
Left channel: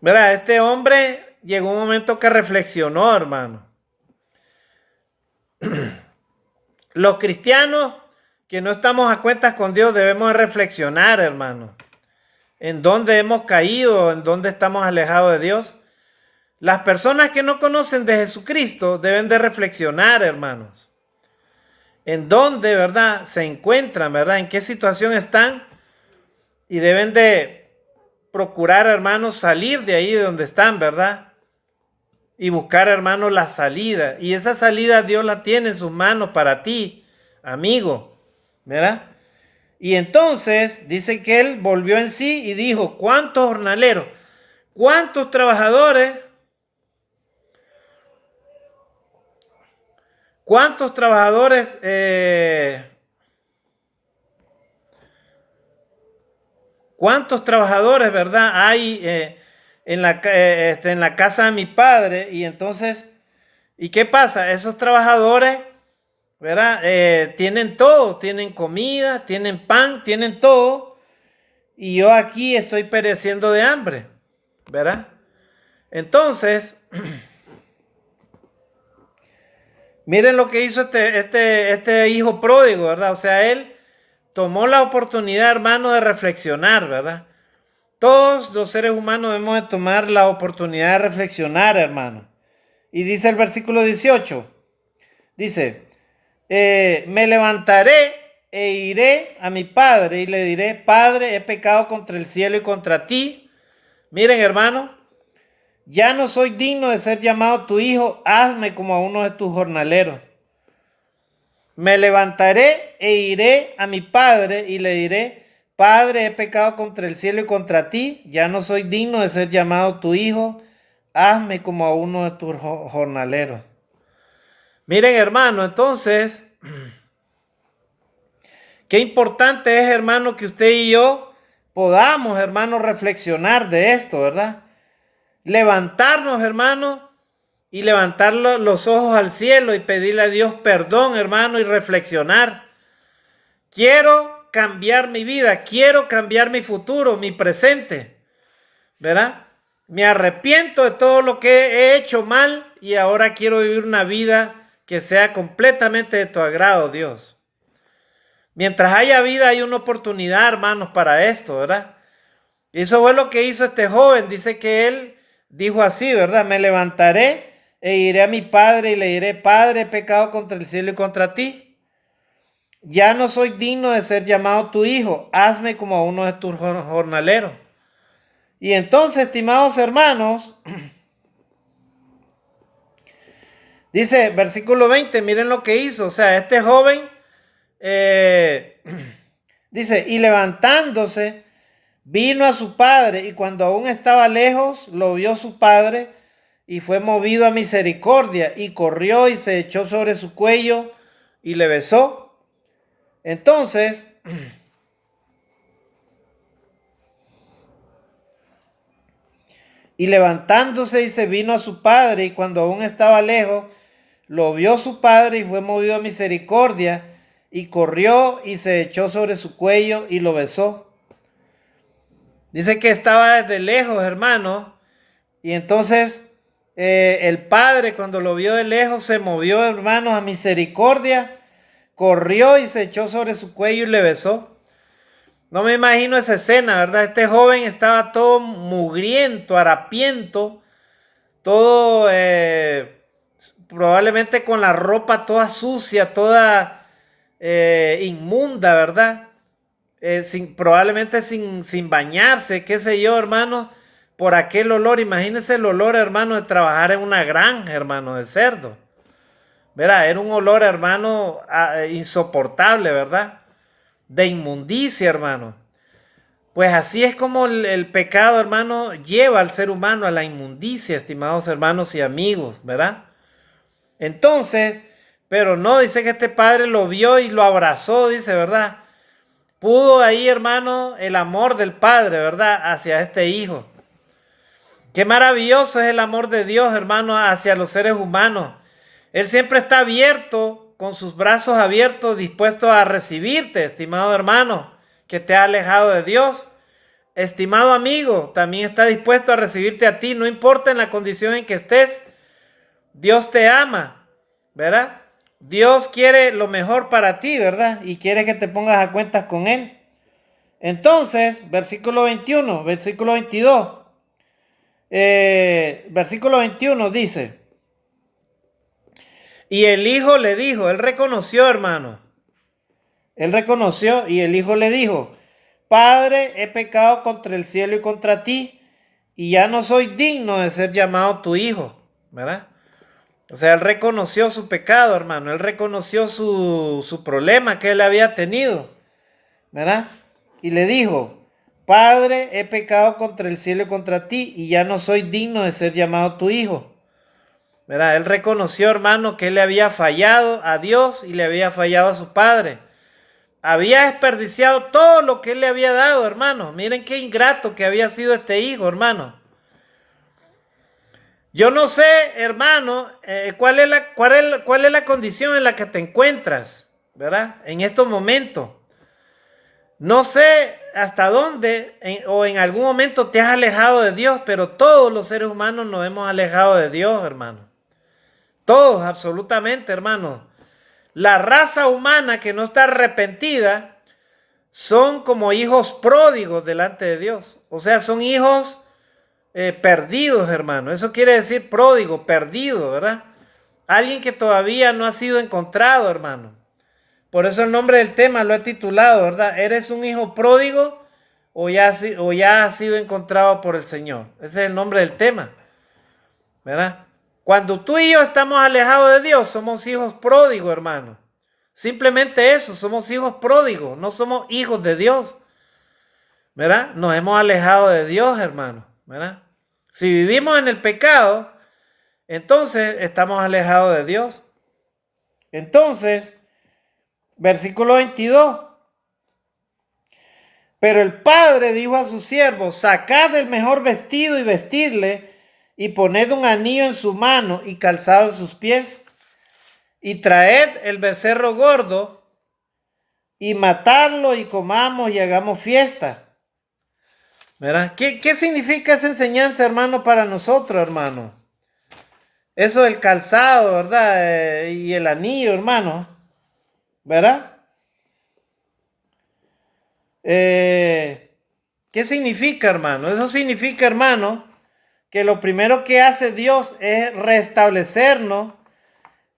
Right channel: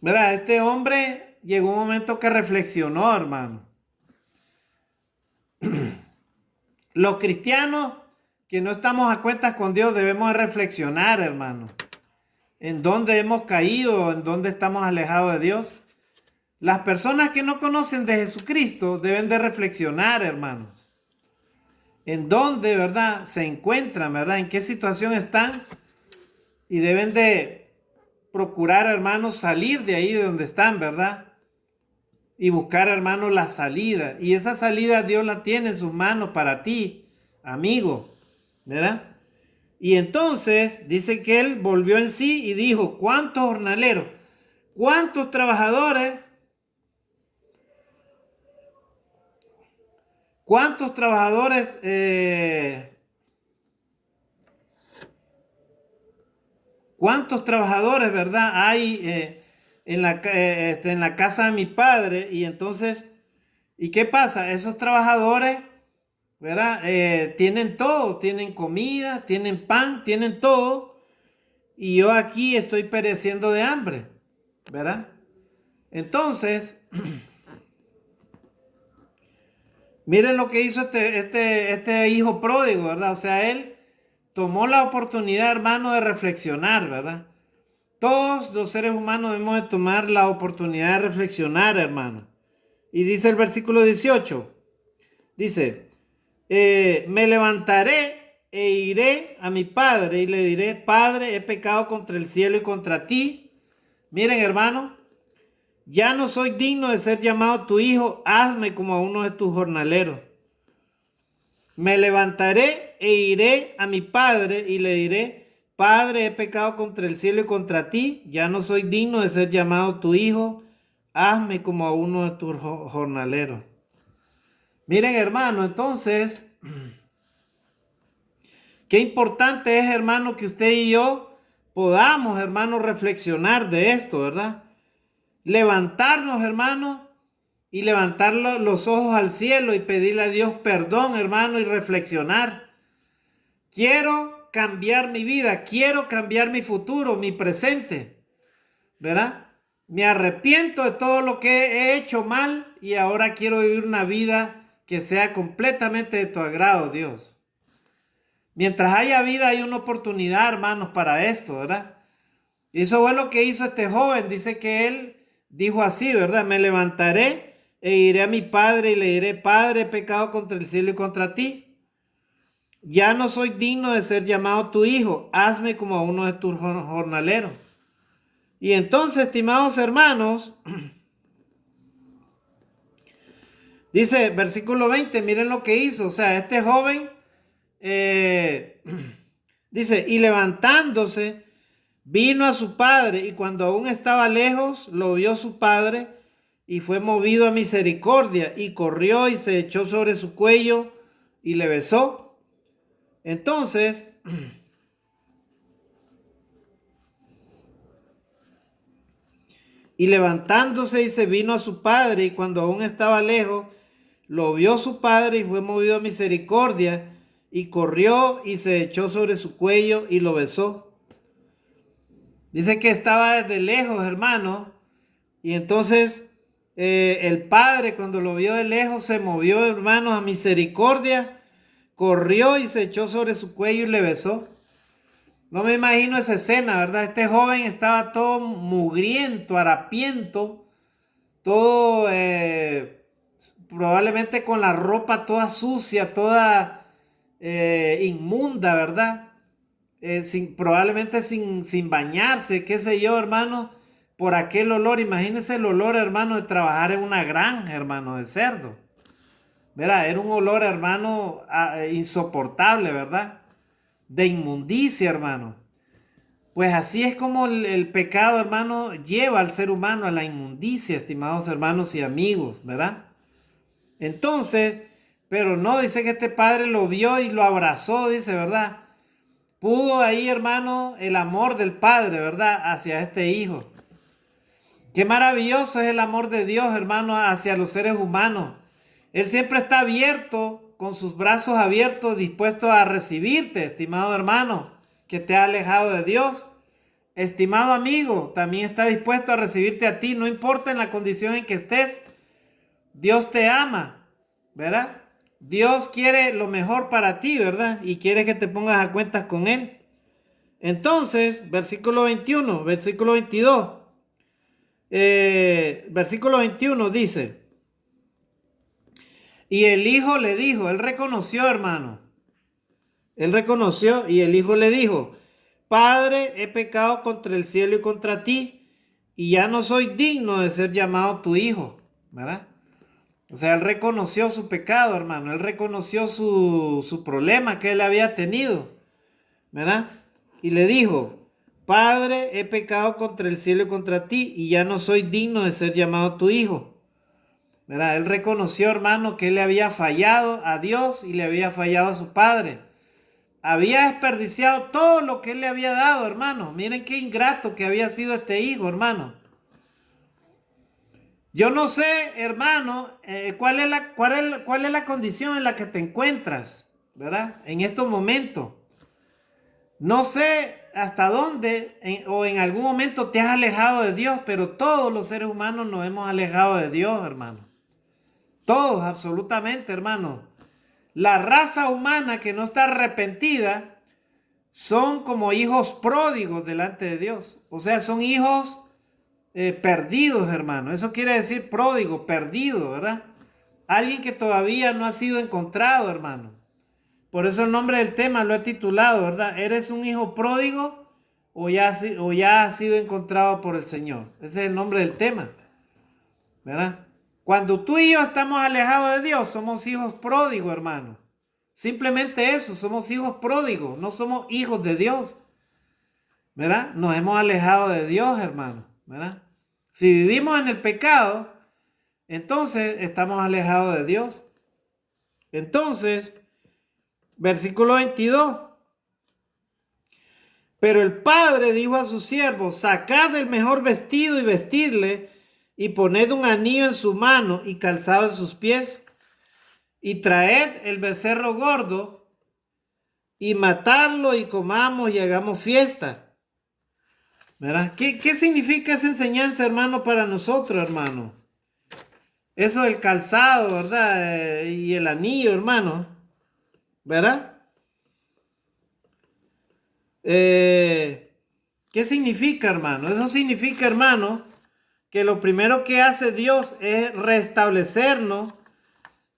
Verá, este hombre llegó un momento que reflexionó, hermano. Los cristianos que no estamos a cuentas con Dios debemos reflexionar, hermano. En dónde hemos caído, en dónde estamos alejados de Dios. Las personas que no conocen de Jesucristo deben de reflexionar, hermanos. En dónde, ¿verdad? Se encuentran, ¿verdad? En qué situación están. Y deben de procurar, hermanos, salir de ahí de donde están, ¿verdad? Y buscar, hermanos, la salida. Y esa salida Dios la tiene en sus manos para ti, amigo, ¿verdad? Y entonces dice que él volvió en sí y dijo, ¿cuántos jornaleros? ¿Cuántos trabajadores? ¿Cuántos trabajadores? ¿Cuántos trabajadores, verdad? Hay en la casa de mi padre. Y entonces, ¿y qué pasa? Esos trabajadores, ¿verdad? Tienen todo, tienen comida, tienen pan, tienen todo. Y yo aquí estoy pereciendo de hambre, ¿verdad? Entonces, miren lo que hizo este hijo pródigo, ¿verdad? O sea, él tomó la oportunidad, hermano, de reflexionar, ¿verdad? Todos los seres humanos debemos de tomar la oportunidad de reflexionar, hermano. Y dice el versículo 18, dice, me levantaré e iré a mi padre y le diré, Padre, he pecado contra el cielo y contra ti. Miren, hermano, ya no soy digno de ser llamado tu hijo, hazme como a uno de tus jornaleros. Me levantaré e iré a mi padre y le diré, Padre, he pecado contra el cielo y contra ti, ya no soy digno de ser llamado tu hijo, hazme como a uno de tus jornaleros. Miren, hermano, entonces, qué importante es, hermano, que usted y yo podamos, hermano, reflexionar de esto, ¿verdad? Levantarnos, hermano, y levantar los ojos al cielo y pedirle a Dios perdón, hermano, y reflexionar. Quiero cambiar mi vida, quiero cambiar mi futuro, mi presente, ¿verdad? Me arrepiento de todo lo que he hecho mal y ahora quiero vivir una vida que sea completamente de tu agrado, Dios. Mientras haya vida hay una oportunidad, hermanos, para esto, ¿verdad? Y eso fue lo que hizo este joven. Dice que él dijo así, ¿verdad? Me levantaré e iré a mi padre y le diré, Padre, he pecado contra el cielo y contra ti. Ya no soy digno de ser llamado tu hijo, hazme como a uno de tus jornaleros. Y entonces, estimados hermanos, dice versículo 20, miren lo que hizo. O sea, este joven, dice, y levantándose, vino a su padre, y cuando aún estaba lejos, lo vio su padre, y fue movido a misericordia, y corrió y se echó sobre su cuello, y le besó. Entonces, y levantándose y se vino a su padre, y cuando aún estaba lejos, lo vio su padre y fue movido a misericordia, y corrió y se echó sobre su cuello y lo besó. Dice que estaba desde lejos, hermano, y entonces el padre cuando lo vio de lejos se movió, hermanos, a misericordia, corrió y se echó sobre su cuello y le besó. No me imagino esa escena, ¿verdad? Este joven estaba todo mugriento, harapiento, todo probablemente con la ropa toda sucia, toda inmunda, ¿verdad? Probablemente sin bañarse, qué sé yo, hermano, por aquel olor. Imagínense el olor, hermano, de trabajar en una granja, hermano, de cerdo. Verá, era un olor, hermano, insoportable, ¿verdad? De inmundicia, hermano. Pues así es como el pecado, hermano, lleva al ser humano a la inmundicia, estimados hermanos y amigos, ¿verdad? Entonces, pero no, dice que este padre lo vio y lo abrazó, dice, ¿verdad? Pudo ahí, hermano, el amor del padre, ¿verdad? Hacia este hijo. Qué maravilloso es el amor de Dios, hermano, hacia los seres humanos. Él siempre está abierto, con sus brazos abiertos, dispuesto a recibirte, estimado hermano, que te ha alejado de Dios. Estimado amigo, también está dispuesto a recibirte a ti, no importa en la condición en que estés. Dios te ama, ¿verdad? Dios quiere lo mejor para ti, ¿verdad? Y quiere que te pongas a cuentas con Él. Entonces, versículo 21, versículo 22. Versículo 21 dice, y el hijo le dijo, él reconoció, hermano. Él reconoció y el hijo le dijo, Padre, he pecado contra el cielo y contra ti, y ya no soy digno de ser llamado tu hijo, ¿verdad? O sea, él reconoció su pecado, hermano. Él reconoció su problema que él había tenido, ¿verdad? Y le dijo, Padre, he pecado contra el cielo y contra ti, y ya no soy digno de ser llamado tu hijo. ¿Verdad? Él reconoció, hermano, que él le había fallado a Dios y le había fallado a su padre. Había desperdiciado todo lo que él le había dado, hermano. Miren qué ingrato que había sido este hijo, hermano. Yo no sé, hermano, cuál es la condición en la que te encuentras, ¿verdad? En estos momentos. No sé hasta dónde o en algún momento te has alejado de Dios, pero todos los seres humanos nos hemos alejado de Dios, hermano. Todos, absolutamente, hermano. La raza humana que no está arrepentida son como hijos pródigos delante de Dios. O sea, son hijos perdidos, hermano. Eso quiere decir pródigo, perdido, ¿verdad? Alguien que todavía no ha sido encontrado, hermano. Por eso el nombre del tema lo he titulado, ¿verdad? ¿Eres un hijo pródigo o ya has sido encontrado por el Señor? Ese es el nombre del tema, ¿verdad? Cuando tú y yo estamos alejados de Dios, somos hijos pródigos, hermano. Simplemente eso, somos hijos pródigos, no somos hijos de Dios, ¿verdad? Nos hemos alejado de Dios, hermano, ¿verdad? Si vivimos en el pecado, entonces estamos alejados de Dios. Entonces, versículo 22. Pero el padre dijo a sus siervos: sacad el mejor vestido y vestidle, y poned un anillo en su mano y calzado en sus pies, y traed el becerro gordo, y matadlo, y comamos y hagamos fiesta. ¿Verdad? ¿Qué significa esa enseñanza, hermano, para nosotros, hermano? Eso del calzado, ¿verdad? Y el anillo, hermano, ¿verdad? ¿Qué significa, hermano? Eso significa, hermano, que lo primero que hace Dios es restablecernos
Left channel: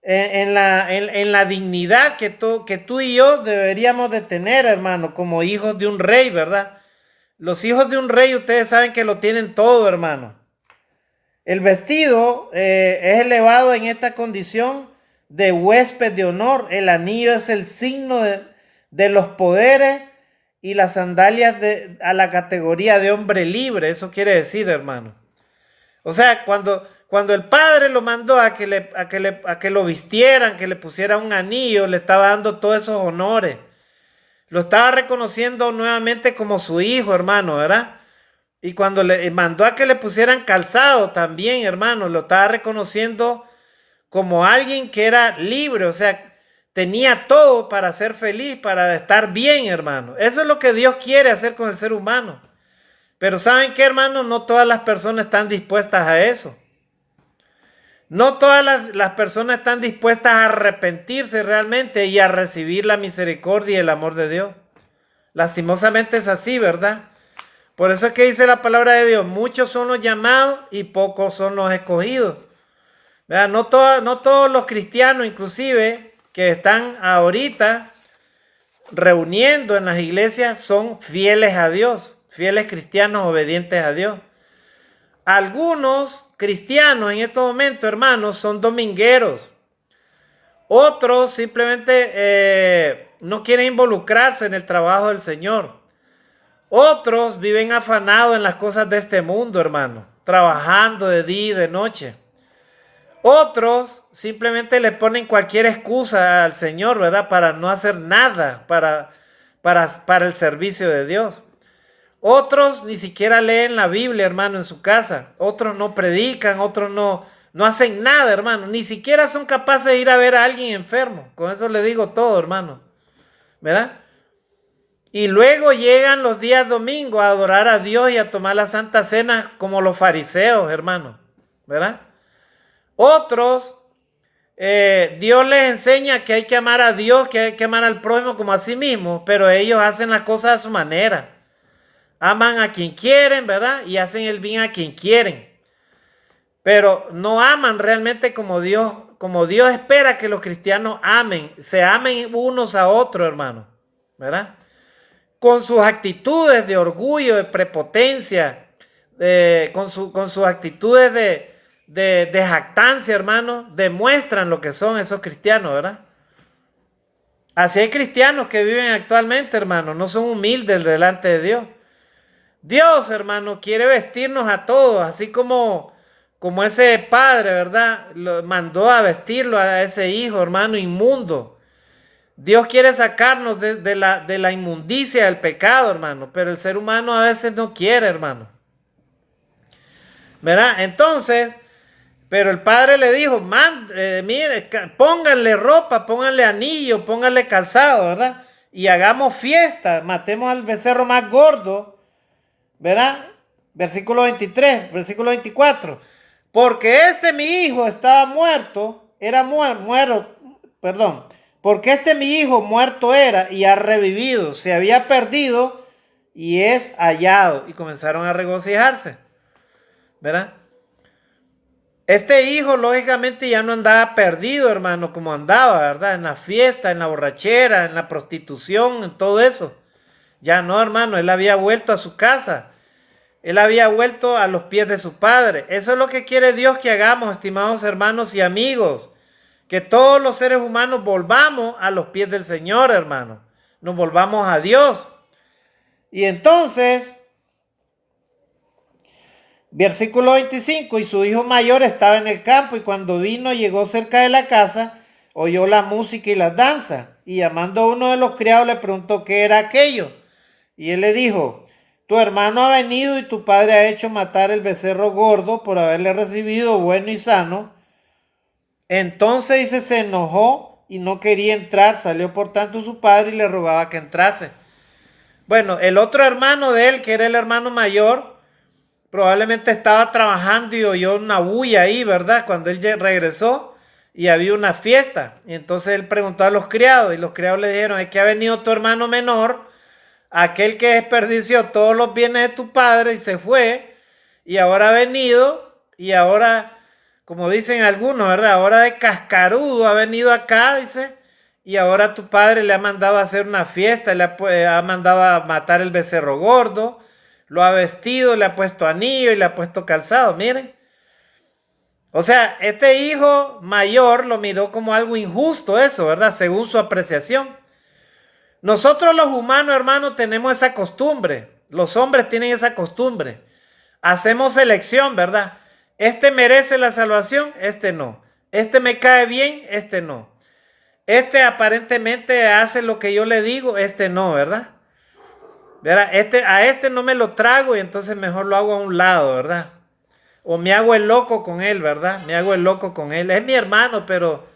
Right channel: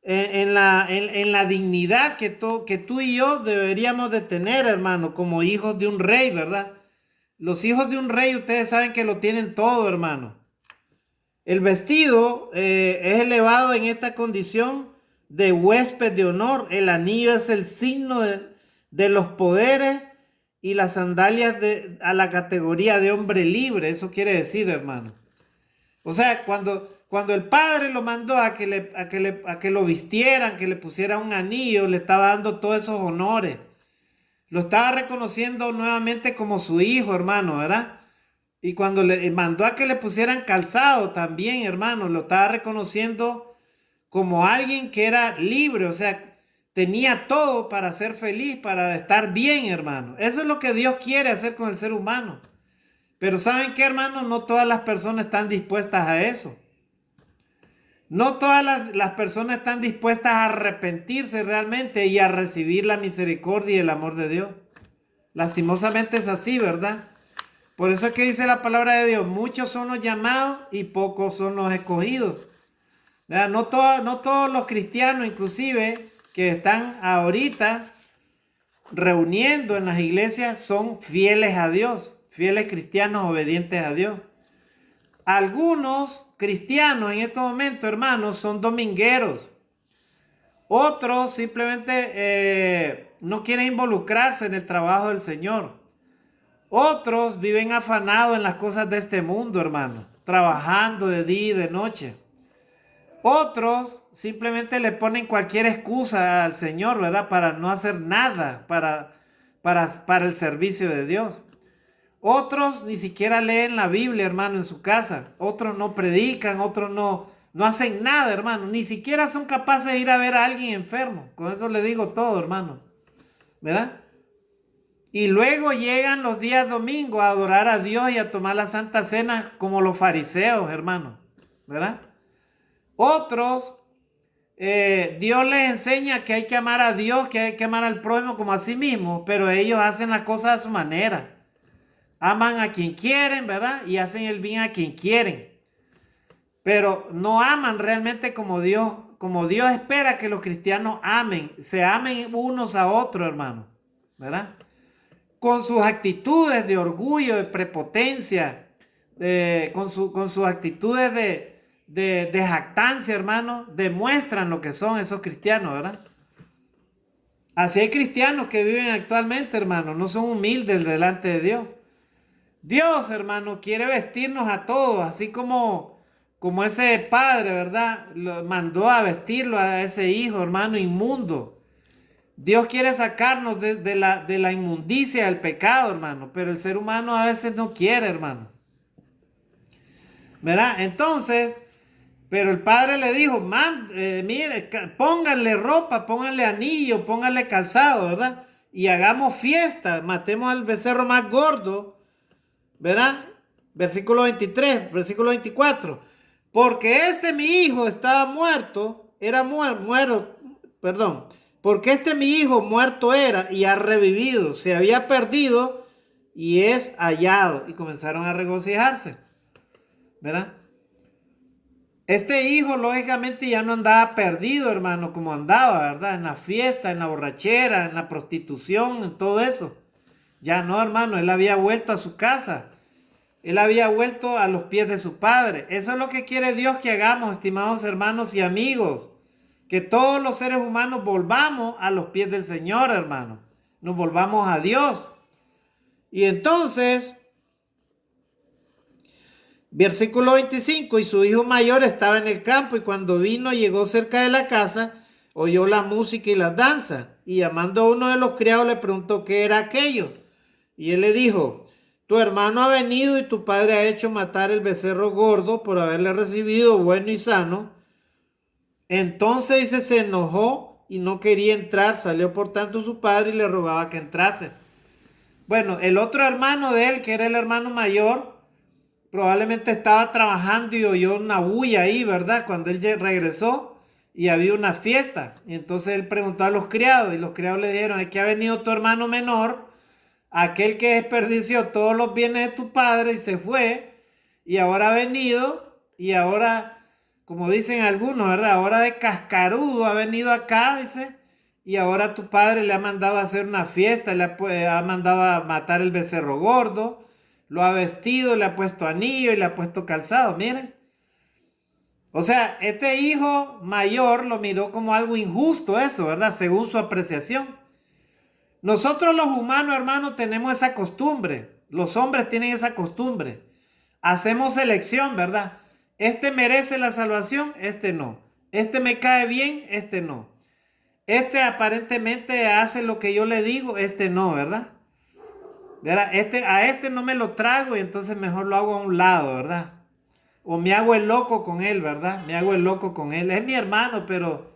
en la dignidad que tú y yo deberíamos de tener, hermano, como hijos de un rey, ¿verdad? Los hijos de un rey, ustedes saben que lo tienen todo, hermano. El vestido es elevado en esta condición de huésped de honor. El anillo es el signo de los poderes y las sandalias a la categoría de hombre libre. Eso quiere decir, hermano. O sea, cuando el padre lo mandó a que lo vistieran, que le pusiera un anillo, le estaba dando todos esos honores. Lo estaba reconociendo nuevamente como su hijo, hermano, ¿verdad? Y cuando le mandó a que le pusieran calzado también, hermano, lo estaba reconociendo como alguien que era libre, o sea, tenía todo para ser feliz, para estar bien, hermano. Eso es lo que Dios quiere hacer con el ser humano. Pero ¿saben qué, hermano? No todas las personas están dispuestas a eso. No todas las personas están dispuestas a arrepentirse realmente y a recibir la misericordia y el amor de Dios. Lastimosamente es así, ¿verdad? Por eso es que dice la palabra de Dios: muchos son los llamados y pocos son los escogidos. ¿Verdad? No todos los cristianos, inclusive, que están ahorita reuniendo en las iglesias, son fieles a Dios, fieles cristianos obedientes a Dios. Algunos cristianos en estos momentos, hermanos, son domingueros. Otros simplemente no quieren involucrarse en el trabajo del Señor. Otros viven afanados en las cosas de este mundo, hermano, trabajando de día y de noche. Otros simplemente le ponen cualquier excusa al Señor, ¿verdad? Para no hacer nada para el servicio de Dios. Otros ni siquiera leen la Biblia, hermano, en su casa. Otros no predican, otros no hacen nada, hermano. Ni siquiera son capaces de ir a ver a alguien enfermo. Con eso le digo todo, hermano. ¿Verdad? Y luego llegan los días domingos a adorar a Dios y a tomar la Santa Cena como los fariseos, hermano. ¿Verdad? Otros, Dios les enseña que hay que amar a Dios, que hay que amar al prójimo como a sí mismo, pero ellos hacen las cosas a su manera. Aman a quien quieren, ¿verdad? Y hacen el bien a quien quieren. Pero no aman realmente como Dios espera que los cristianos amen, se amen unos a otros, hermano, ¿verdad? Con sus actitudes de orgullo, de prepotencia, con sus actitudes de jactancia, hermano, demuestran lo que son esos cristianos, ¿verdad? Así hay cristianos que viven actualmente, hermano, no son humildes delante de Dios. Dios, hermano, quiere vestirnos a todos, así como ese padre, ¿verdad? Lo mandó a vestirlo a ese hijo, hermano, inmundo. Dios quiere sacarnos de la inmundicia del pecado, hermano, pero el ser humano a veces no quiere, hermano. ¿Verdad? Entonces, Pero el padre le dijo, mire, pónganle ropa, pónganle anillo, pónganle calzado, ¿verdad? Y hagamos fiesta, matemos al becerro más gordo, ¿verdad? Versículo 23, versículo 24. Porque mi hijo estaba muerto, perdón. Porque mi hijo muerto era y ha revivido, se había perdido y es hallado. Y comenzaron a regocijarse, ¿verdad? Este hijo, lógicamente, ya no andaba perdido, hermano, como andaba, ¿verdad? En la fiesta, en la borrachera, en la prostitución, en todo eso. Ya no, hermano, él había vuelto a su casa. Él había vuelto a los pies de su padre. Eso es lo que quiere Dios que hagamos, estimados hermanos y amigos. Que todos los seres humanos volvamos a los pies del Señor, hermano. Nos volvamos a Dios. Y entonces, versículo 25, y su hijo mayor estaba en el campo y cuando vino llegó cerca de la casa, oyó la música y las danzas y llamando a uno de los criados le preguntó qué era aquello. Y él le dijo, tu hermano ha venido y tu padre ha hecho matar el becerro gordo por haberle recibido bueno y sano. Entonces dice, se enojó y no quería entrar, salió por tanto su padre y le rogaba que entrase. Bueno, el otro hermano de él, que era el hermano mayor, probablemente estaba trabajando y oyó una bulla ahí, ¿verdad? Cuando él regresó y había una fiesta. Y entonces él preguntó a los criados y los criados le dijeron, es que ha venido tu hermano menor, aquel que desperdició todos los bienes de tu padre y se fue, y ahora ha venido y ahora, como dicen algunos, ¿verdad? Ahora de cascarudo ha venido acá, dice, y ahora tu padre le ha mandado a hacer una fiesta, ha mandado a matar el becerro gordo, lo ha vestido, le ha puesto anillo y le ha puesto calzado, miren. O sea, este hijo mayor lo miró como algo injusto eso, ¿verdad? Según su apreciación. Nosotros los humanos, hermanos, tenemos esa costumbre. Los hombres tienen esa costumbre. Hacemos selección, ¿verdad? Este merece la salvación, este no. Este me cae bien, este no. Este aparentemente hace lo que yo le digo, este no, ¿verdad? ¿Verdad? A este no me lo trago y entonces mejor lo hago a un lado, ¿verdad? O me hago el loco con él, ¿verdad? Me hago el loco con él. Es mi hermano, pero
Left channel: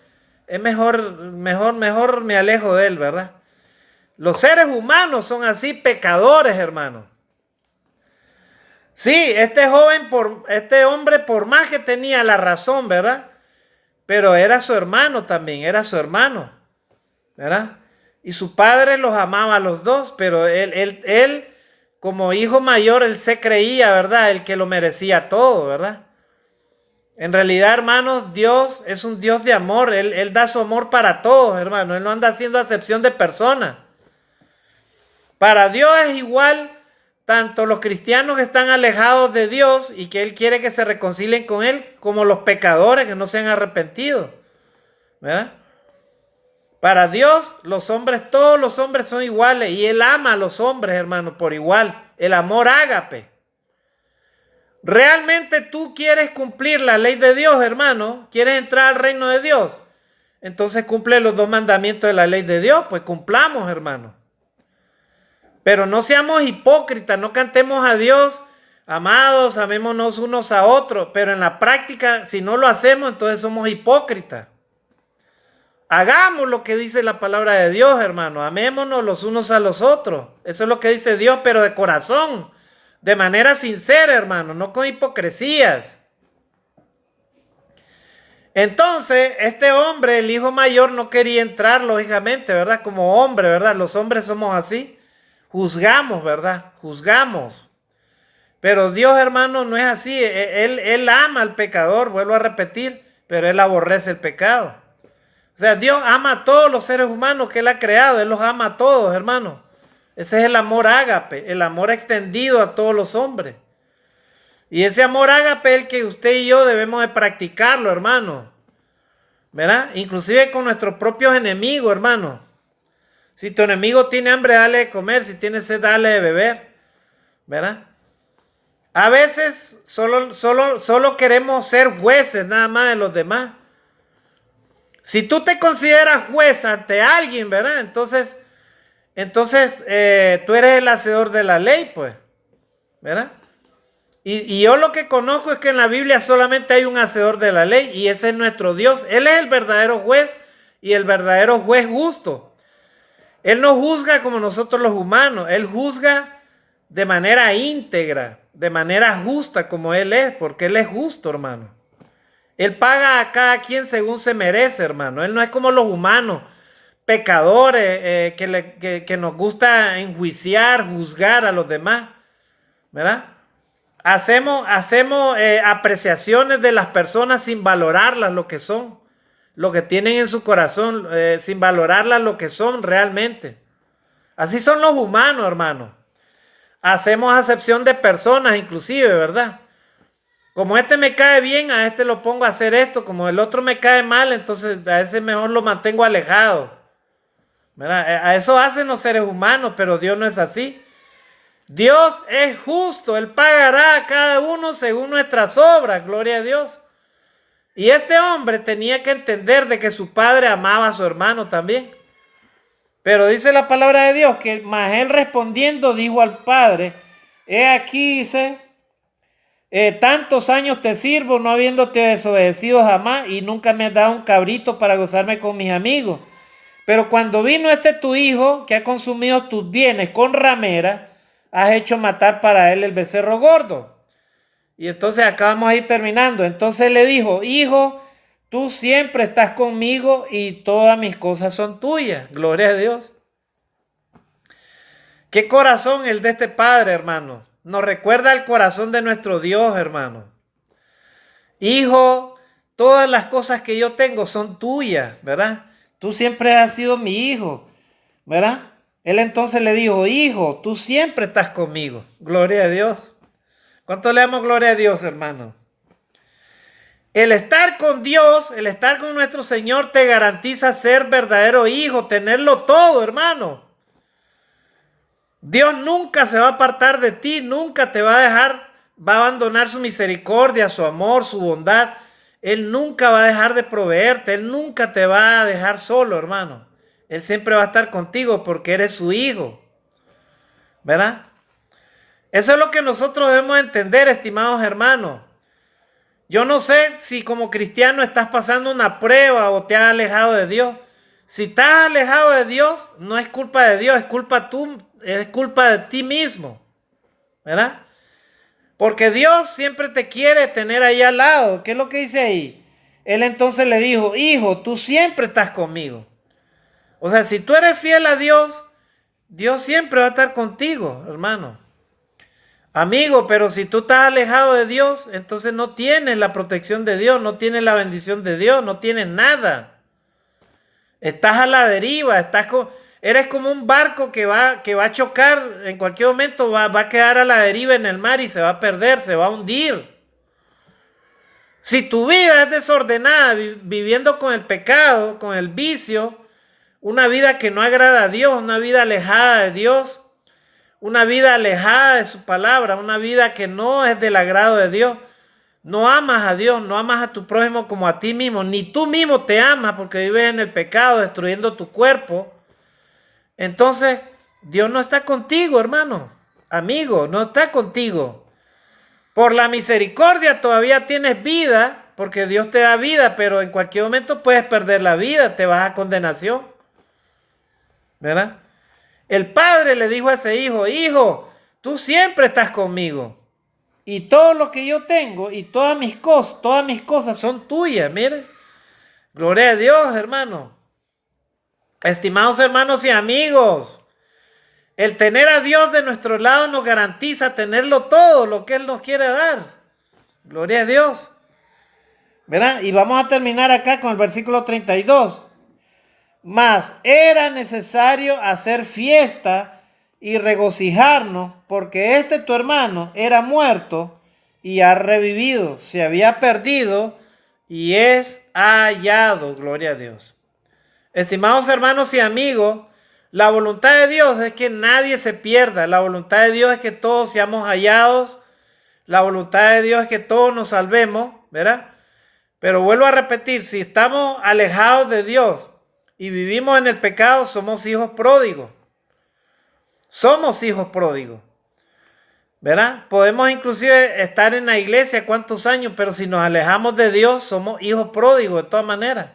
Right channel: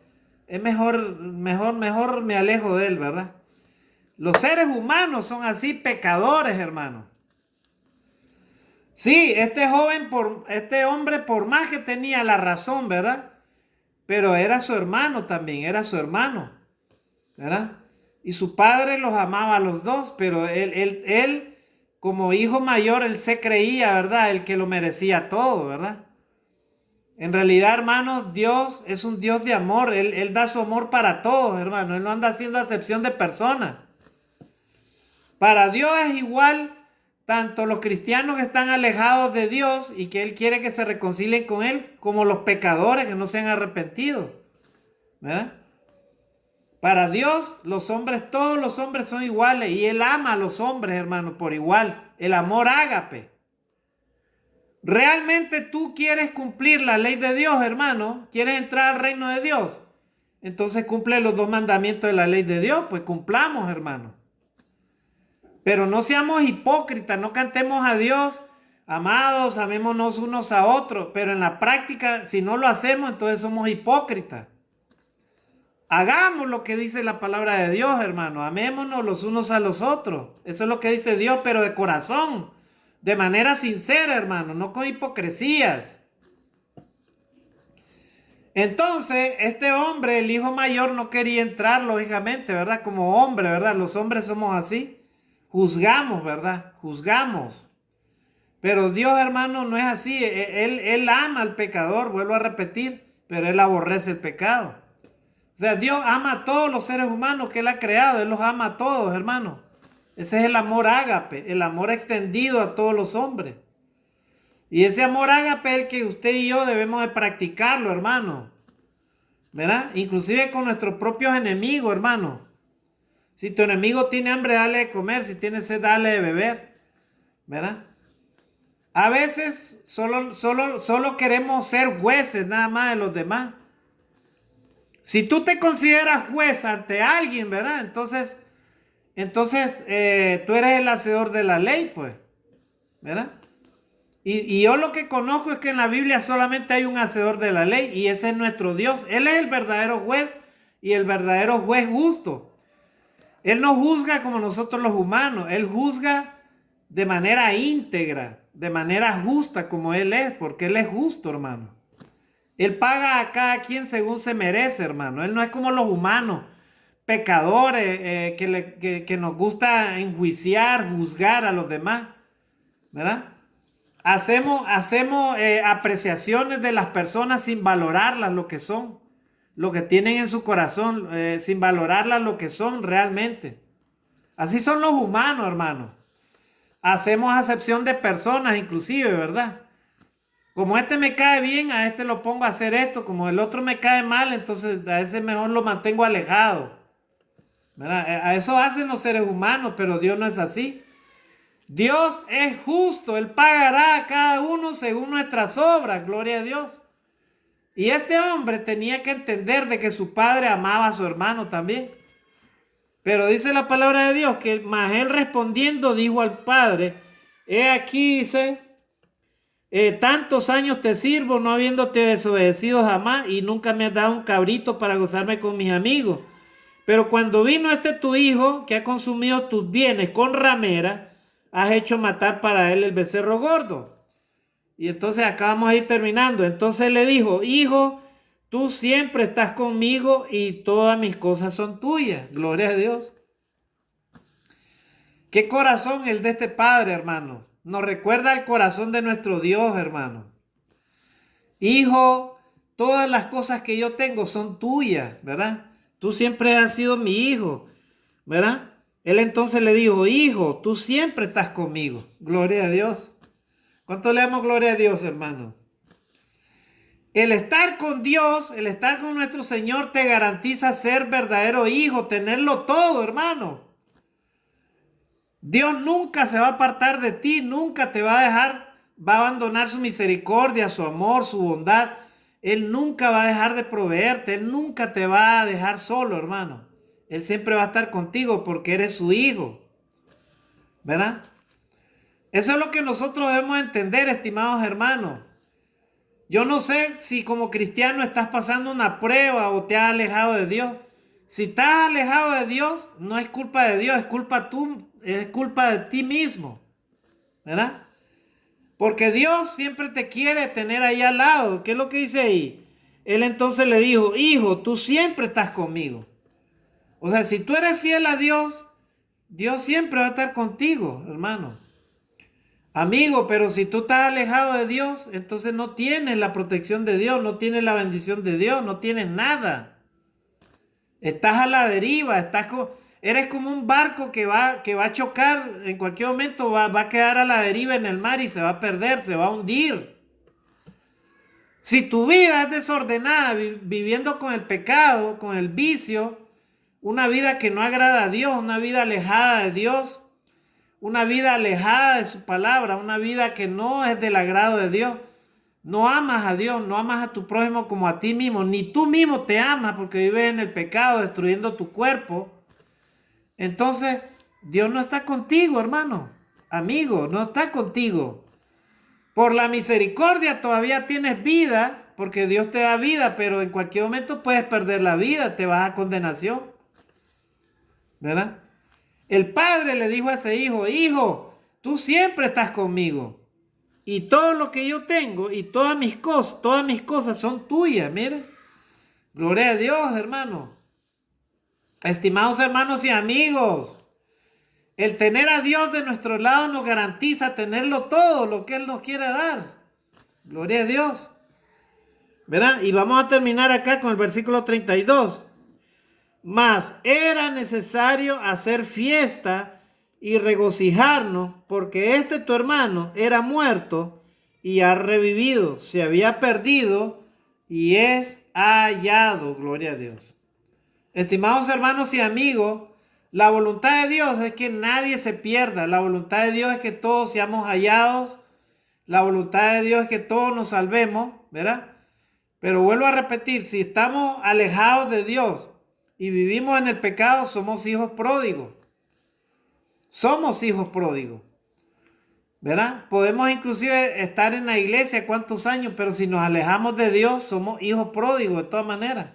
es mejor me alejo de él, ¿verdad? Los seres humanos son así pecadores, hermano. Sí, este hombre, por más que tenía la razón, ¿verdad? Pero era su hermano también, era su hermano, ¿verdad? Y su padre los amaba a los dos, pero él como hijo mayor, él se creía, ¿verdad? El que lo merecía todo, ¿verdad? En realidad, hermanos, Dios es un Dios de amor. Él da su amor para todos, hermano. Él no anda haciendo acepción de personas. Para Dios es igual tanto los cristianos que están alejados de Dios y que Él quiere que se reconcilien con Él, como los pecadores que no se han arrepentido, ¿verdad? Para Dios, todos los hombres son iguales y Él ama a los hombres, hermano, por igual. El amor ágape. ¿Realmente tú quieres cumplir la ley de Dios, hermano? ¿Quieres entrar al reino de Dios? Entonces cumple los dos mandamientos de la ley de Dios, pues cumplamos, hermano. Pero no seamos hipócritas, no cantemos a Dios, amados, amémonos unos a otros, pero en la práctica, si no lo hacemos, entonces somos hipócritas. Hagamos lo que dice la palabra de Dios, hermano, amémonos los unos a los otros. Eso es lo que dice Dios, pero de corazón, de manera sincera, hermano, no con hipocresías. Entonces, este hombre, el hijo mayor, no quería entrar, lógicamente, ¿verdad? Como hombre, ¿verdad? Los hombres somos así. Juzgamos, ¿verdad? Juzgamos. Pero Dios, hermano, no es así. Él ama al pecador, vuelvo a repetir, pero Él aborrece el pecado. O sea, Dios ama a todos los seres humanos que Él ha creado. Él los ama a todos, hermano. Ese es el amor ágape, el amor extendido a todos los hombres. Y ese amor ágape es el que usted y yo debemos de practicarlo, hermano. ¿Verdad? Inclusive con nuestros propios enemigos, hermano. Si tu enemigo tiene hambre, dale de comer. Si tiene sed, dale de beber. ¿Verdad? A veces solo queremos ser jueces nada más de los demás. Si tú te consideras juez ante alguien, ¿verdad? Entonces tú eres el hacedor de la ley, pues. ¿Verdad? Y yo lo que conozco es que en la Biblia solamente hay un hacedor de la ley y ese es nuestro Dios. Él es el verdadero juez y el verdadero juez justo. Él no juzga como nosotros los humanos, Él juzga de manera íntegra, de manera justa como Él es, porque Él es justo, hermano. Él paga a cada quien según se merece, hermano. Él no es como los humanos, pecadores, que nos gusta enjuiciar, juzgar a los demás, ¿verdad? Hacemos apreciaciones de las personas sin valorarlas lo que son, lo que tienen en su corazón, sin valorarlas lo que son realmente. Así son los humanos, hermano. Hacemos acepción de personas, inclusive, ¿verdad? Como este me cae bien, a este lo pongo a hacer esto. Como el otro me cae mal, entonces a ese mejor lo mantengo alejado, ¿verdad? A eso hacen los seres humanos, pero Dios no es así. Dios es justo, Él pagará a cada uno según nuestras obras, gloria a Dios. Y este hombre tenía que entender de que su padre amaba a su hermano también. Pero dice la palabra de Dios que más él respondiendo dijo al padre, he aquí, dice, tantos años te sirvo no habiéndote desobedecido jamás y nunca me has dado un cabrito para gozarme con mis amigos. Pero cuando vino este tu hijo que ha consumido tus bienes con ramera, has hecho matar para él el becerro gordo. Y entonces acá vamos a ir terminando. Entonces le dijo, hijo, tú siempre estás conmigo y todas mis cosas son tuyas. Gloria a Dios. Qué corazón el de este padre, hermano. Nos recuerda el corazón de nuestro Dios, hermano. Hijo, todas las cosas que yo tengo son tuyas, ¿verdad? Tú siempre has sido mi hijo, ¿verdad? Él entonces le dijo, hijo, tú siempre estás conmigo. Gloria a Dios. ¿Cuánto le damos gloria a Dios, hermano? El estar con Dios, el estar con nuestro Señor te garantiza ser verdadero hijo, tenerlo todo, hermano. Dios nunca se va a apartar de ti, nunca te va a dejar, va a abandonar su misericordia, su amor, su bondad. Él nunca va a dejar de proveerte, Él nunca te va a dejar solo, hermano. Él siempre va a estar contigo porque eres su hijo, ¿verdad? Eso es lo que nosotros debemos entender, estimados hermanos. Yo no sé si como cristiano estás pasando una prueba o te has alejado de Dios. Si estás alejado de Dios, no es culpa de Dios, es culpa de ti mismo, ¿verdad? Porque Dios siempre te quiere tener ahí al lado. ¿Qué es lo que dice ahí? Él entonces le dijo, hijo, tú siempre estás conmigo. O sea, si tú eres fiel a Dios, Dios siempre va a estar contigo, hermano. Amigo, pero si tú estás alejado de Dios, entonces no tienes la protección de Dios, no tienes la bendición de Dios, no tienes nada. Estás a la deriva, eres como un barco que va a chocar, en cualquier momento va a quedar a la deriva en el mar y se va a perder, se va a hundir. Si tu vida es desordenada, viviendo con el pecado, con el vicio, una vida que no agrada a Dios, una vida alejada de Dios, una vida alejada de su palabra, una vida que no es del agrado de Dios. No amas a Dios, no amas a tu prójimo como a ti mismo, ni tú mismo te amas porque vives en el pecado, destruyendo tu cuerpo. Entonces, Dios no está contigo, hermano, amigo, no está contigo. Por la misericordia todavía tienes vida, porque Dios te da vida, pero en cualquier momento puedes perder la vida, te vas a condenación, ¿verdad? El padre le dijo a ese hijo, hijo, tú siempre estás conmigo y todo lo que yo tengo y todas mis cosas son tuyas, mire. Gloria a Dios, hermano. Estimados hermanos y amigos, el tener a Dios de nuestro lado nos garantiza tenerlo todo, lo que Él nos quiere dar. Gloria a Dios. ¿Verdad? Y vamos a terminar acá con el versículo 32. Mas era necesario hacer fiesta y regocijarnos, porque este tu hermano era muerto y ha revivido, se había perdido y es hallado. Gloria a Dios. Estimados hermanos y amigos, la voluntad de Dios es que nadie se pierda. La voluntad de Dios es que todos seamos hallados. La voluntad de Dios es que todos nos salvemos, ¿verdad? Pero vuelvo a repetir, si estamos alejados de Dios y vivimos en el pecado, somos hijos pródigos. Somos hijos pródigos. ¿verdad? Podemos inclusive estar en la iglesia cuántos años, pero si nos alejamos de Dios, somos hijos pródigos de todas maneras.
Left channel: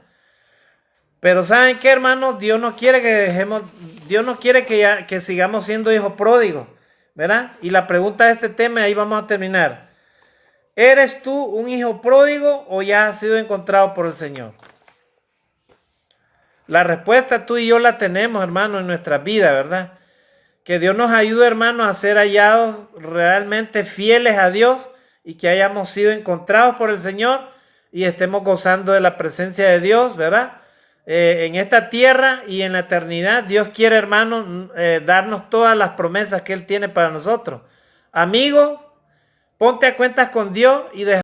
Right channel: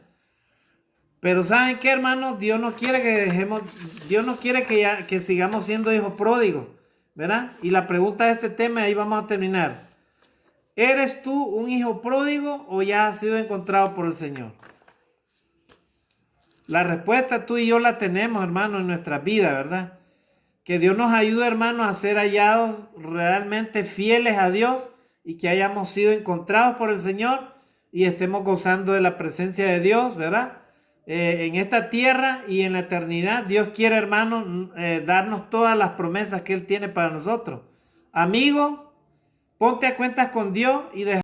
Pero ¿saben qué, hermanos? Dios no quiere que dejemos, Dios no quiere que sigamos siendo hijos pródigos, ¿verdad? Y la pregunta de este tema, ahí vamos a terminar. ¿Eres tú un hijo pródigo o ya has sido encontrado por el Señor? La respuesta tú y yo la tenemos, hermano, en nuestra vida, ¿verdad? Que Dios nos ayude, hermano, a ser hallados realmente fieles a Dios y que hayamos sido encontrados por el Señor y estemos gozando de la presencia de Dios, ¿verdad? En esta tierra y en la eternidad, Dios quiere, hermano, darnos todas las promesas que Él tiene para nosotros. Amigo, ponte a cuentas con Dios y deja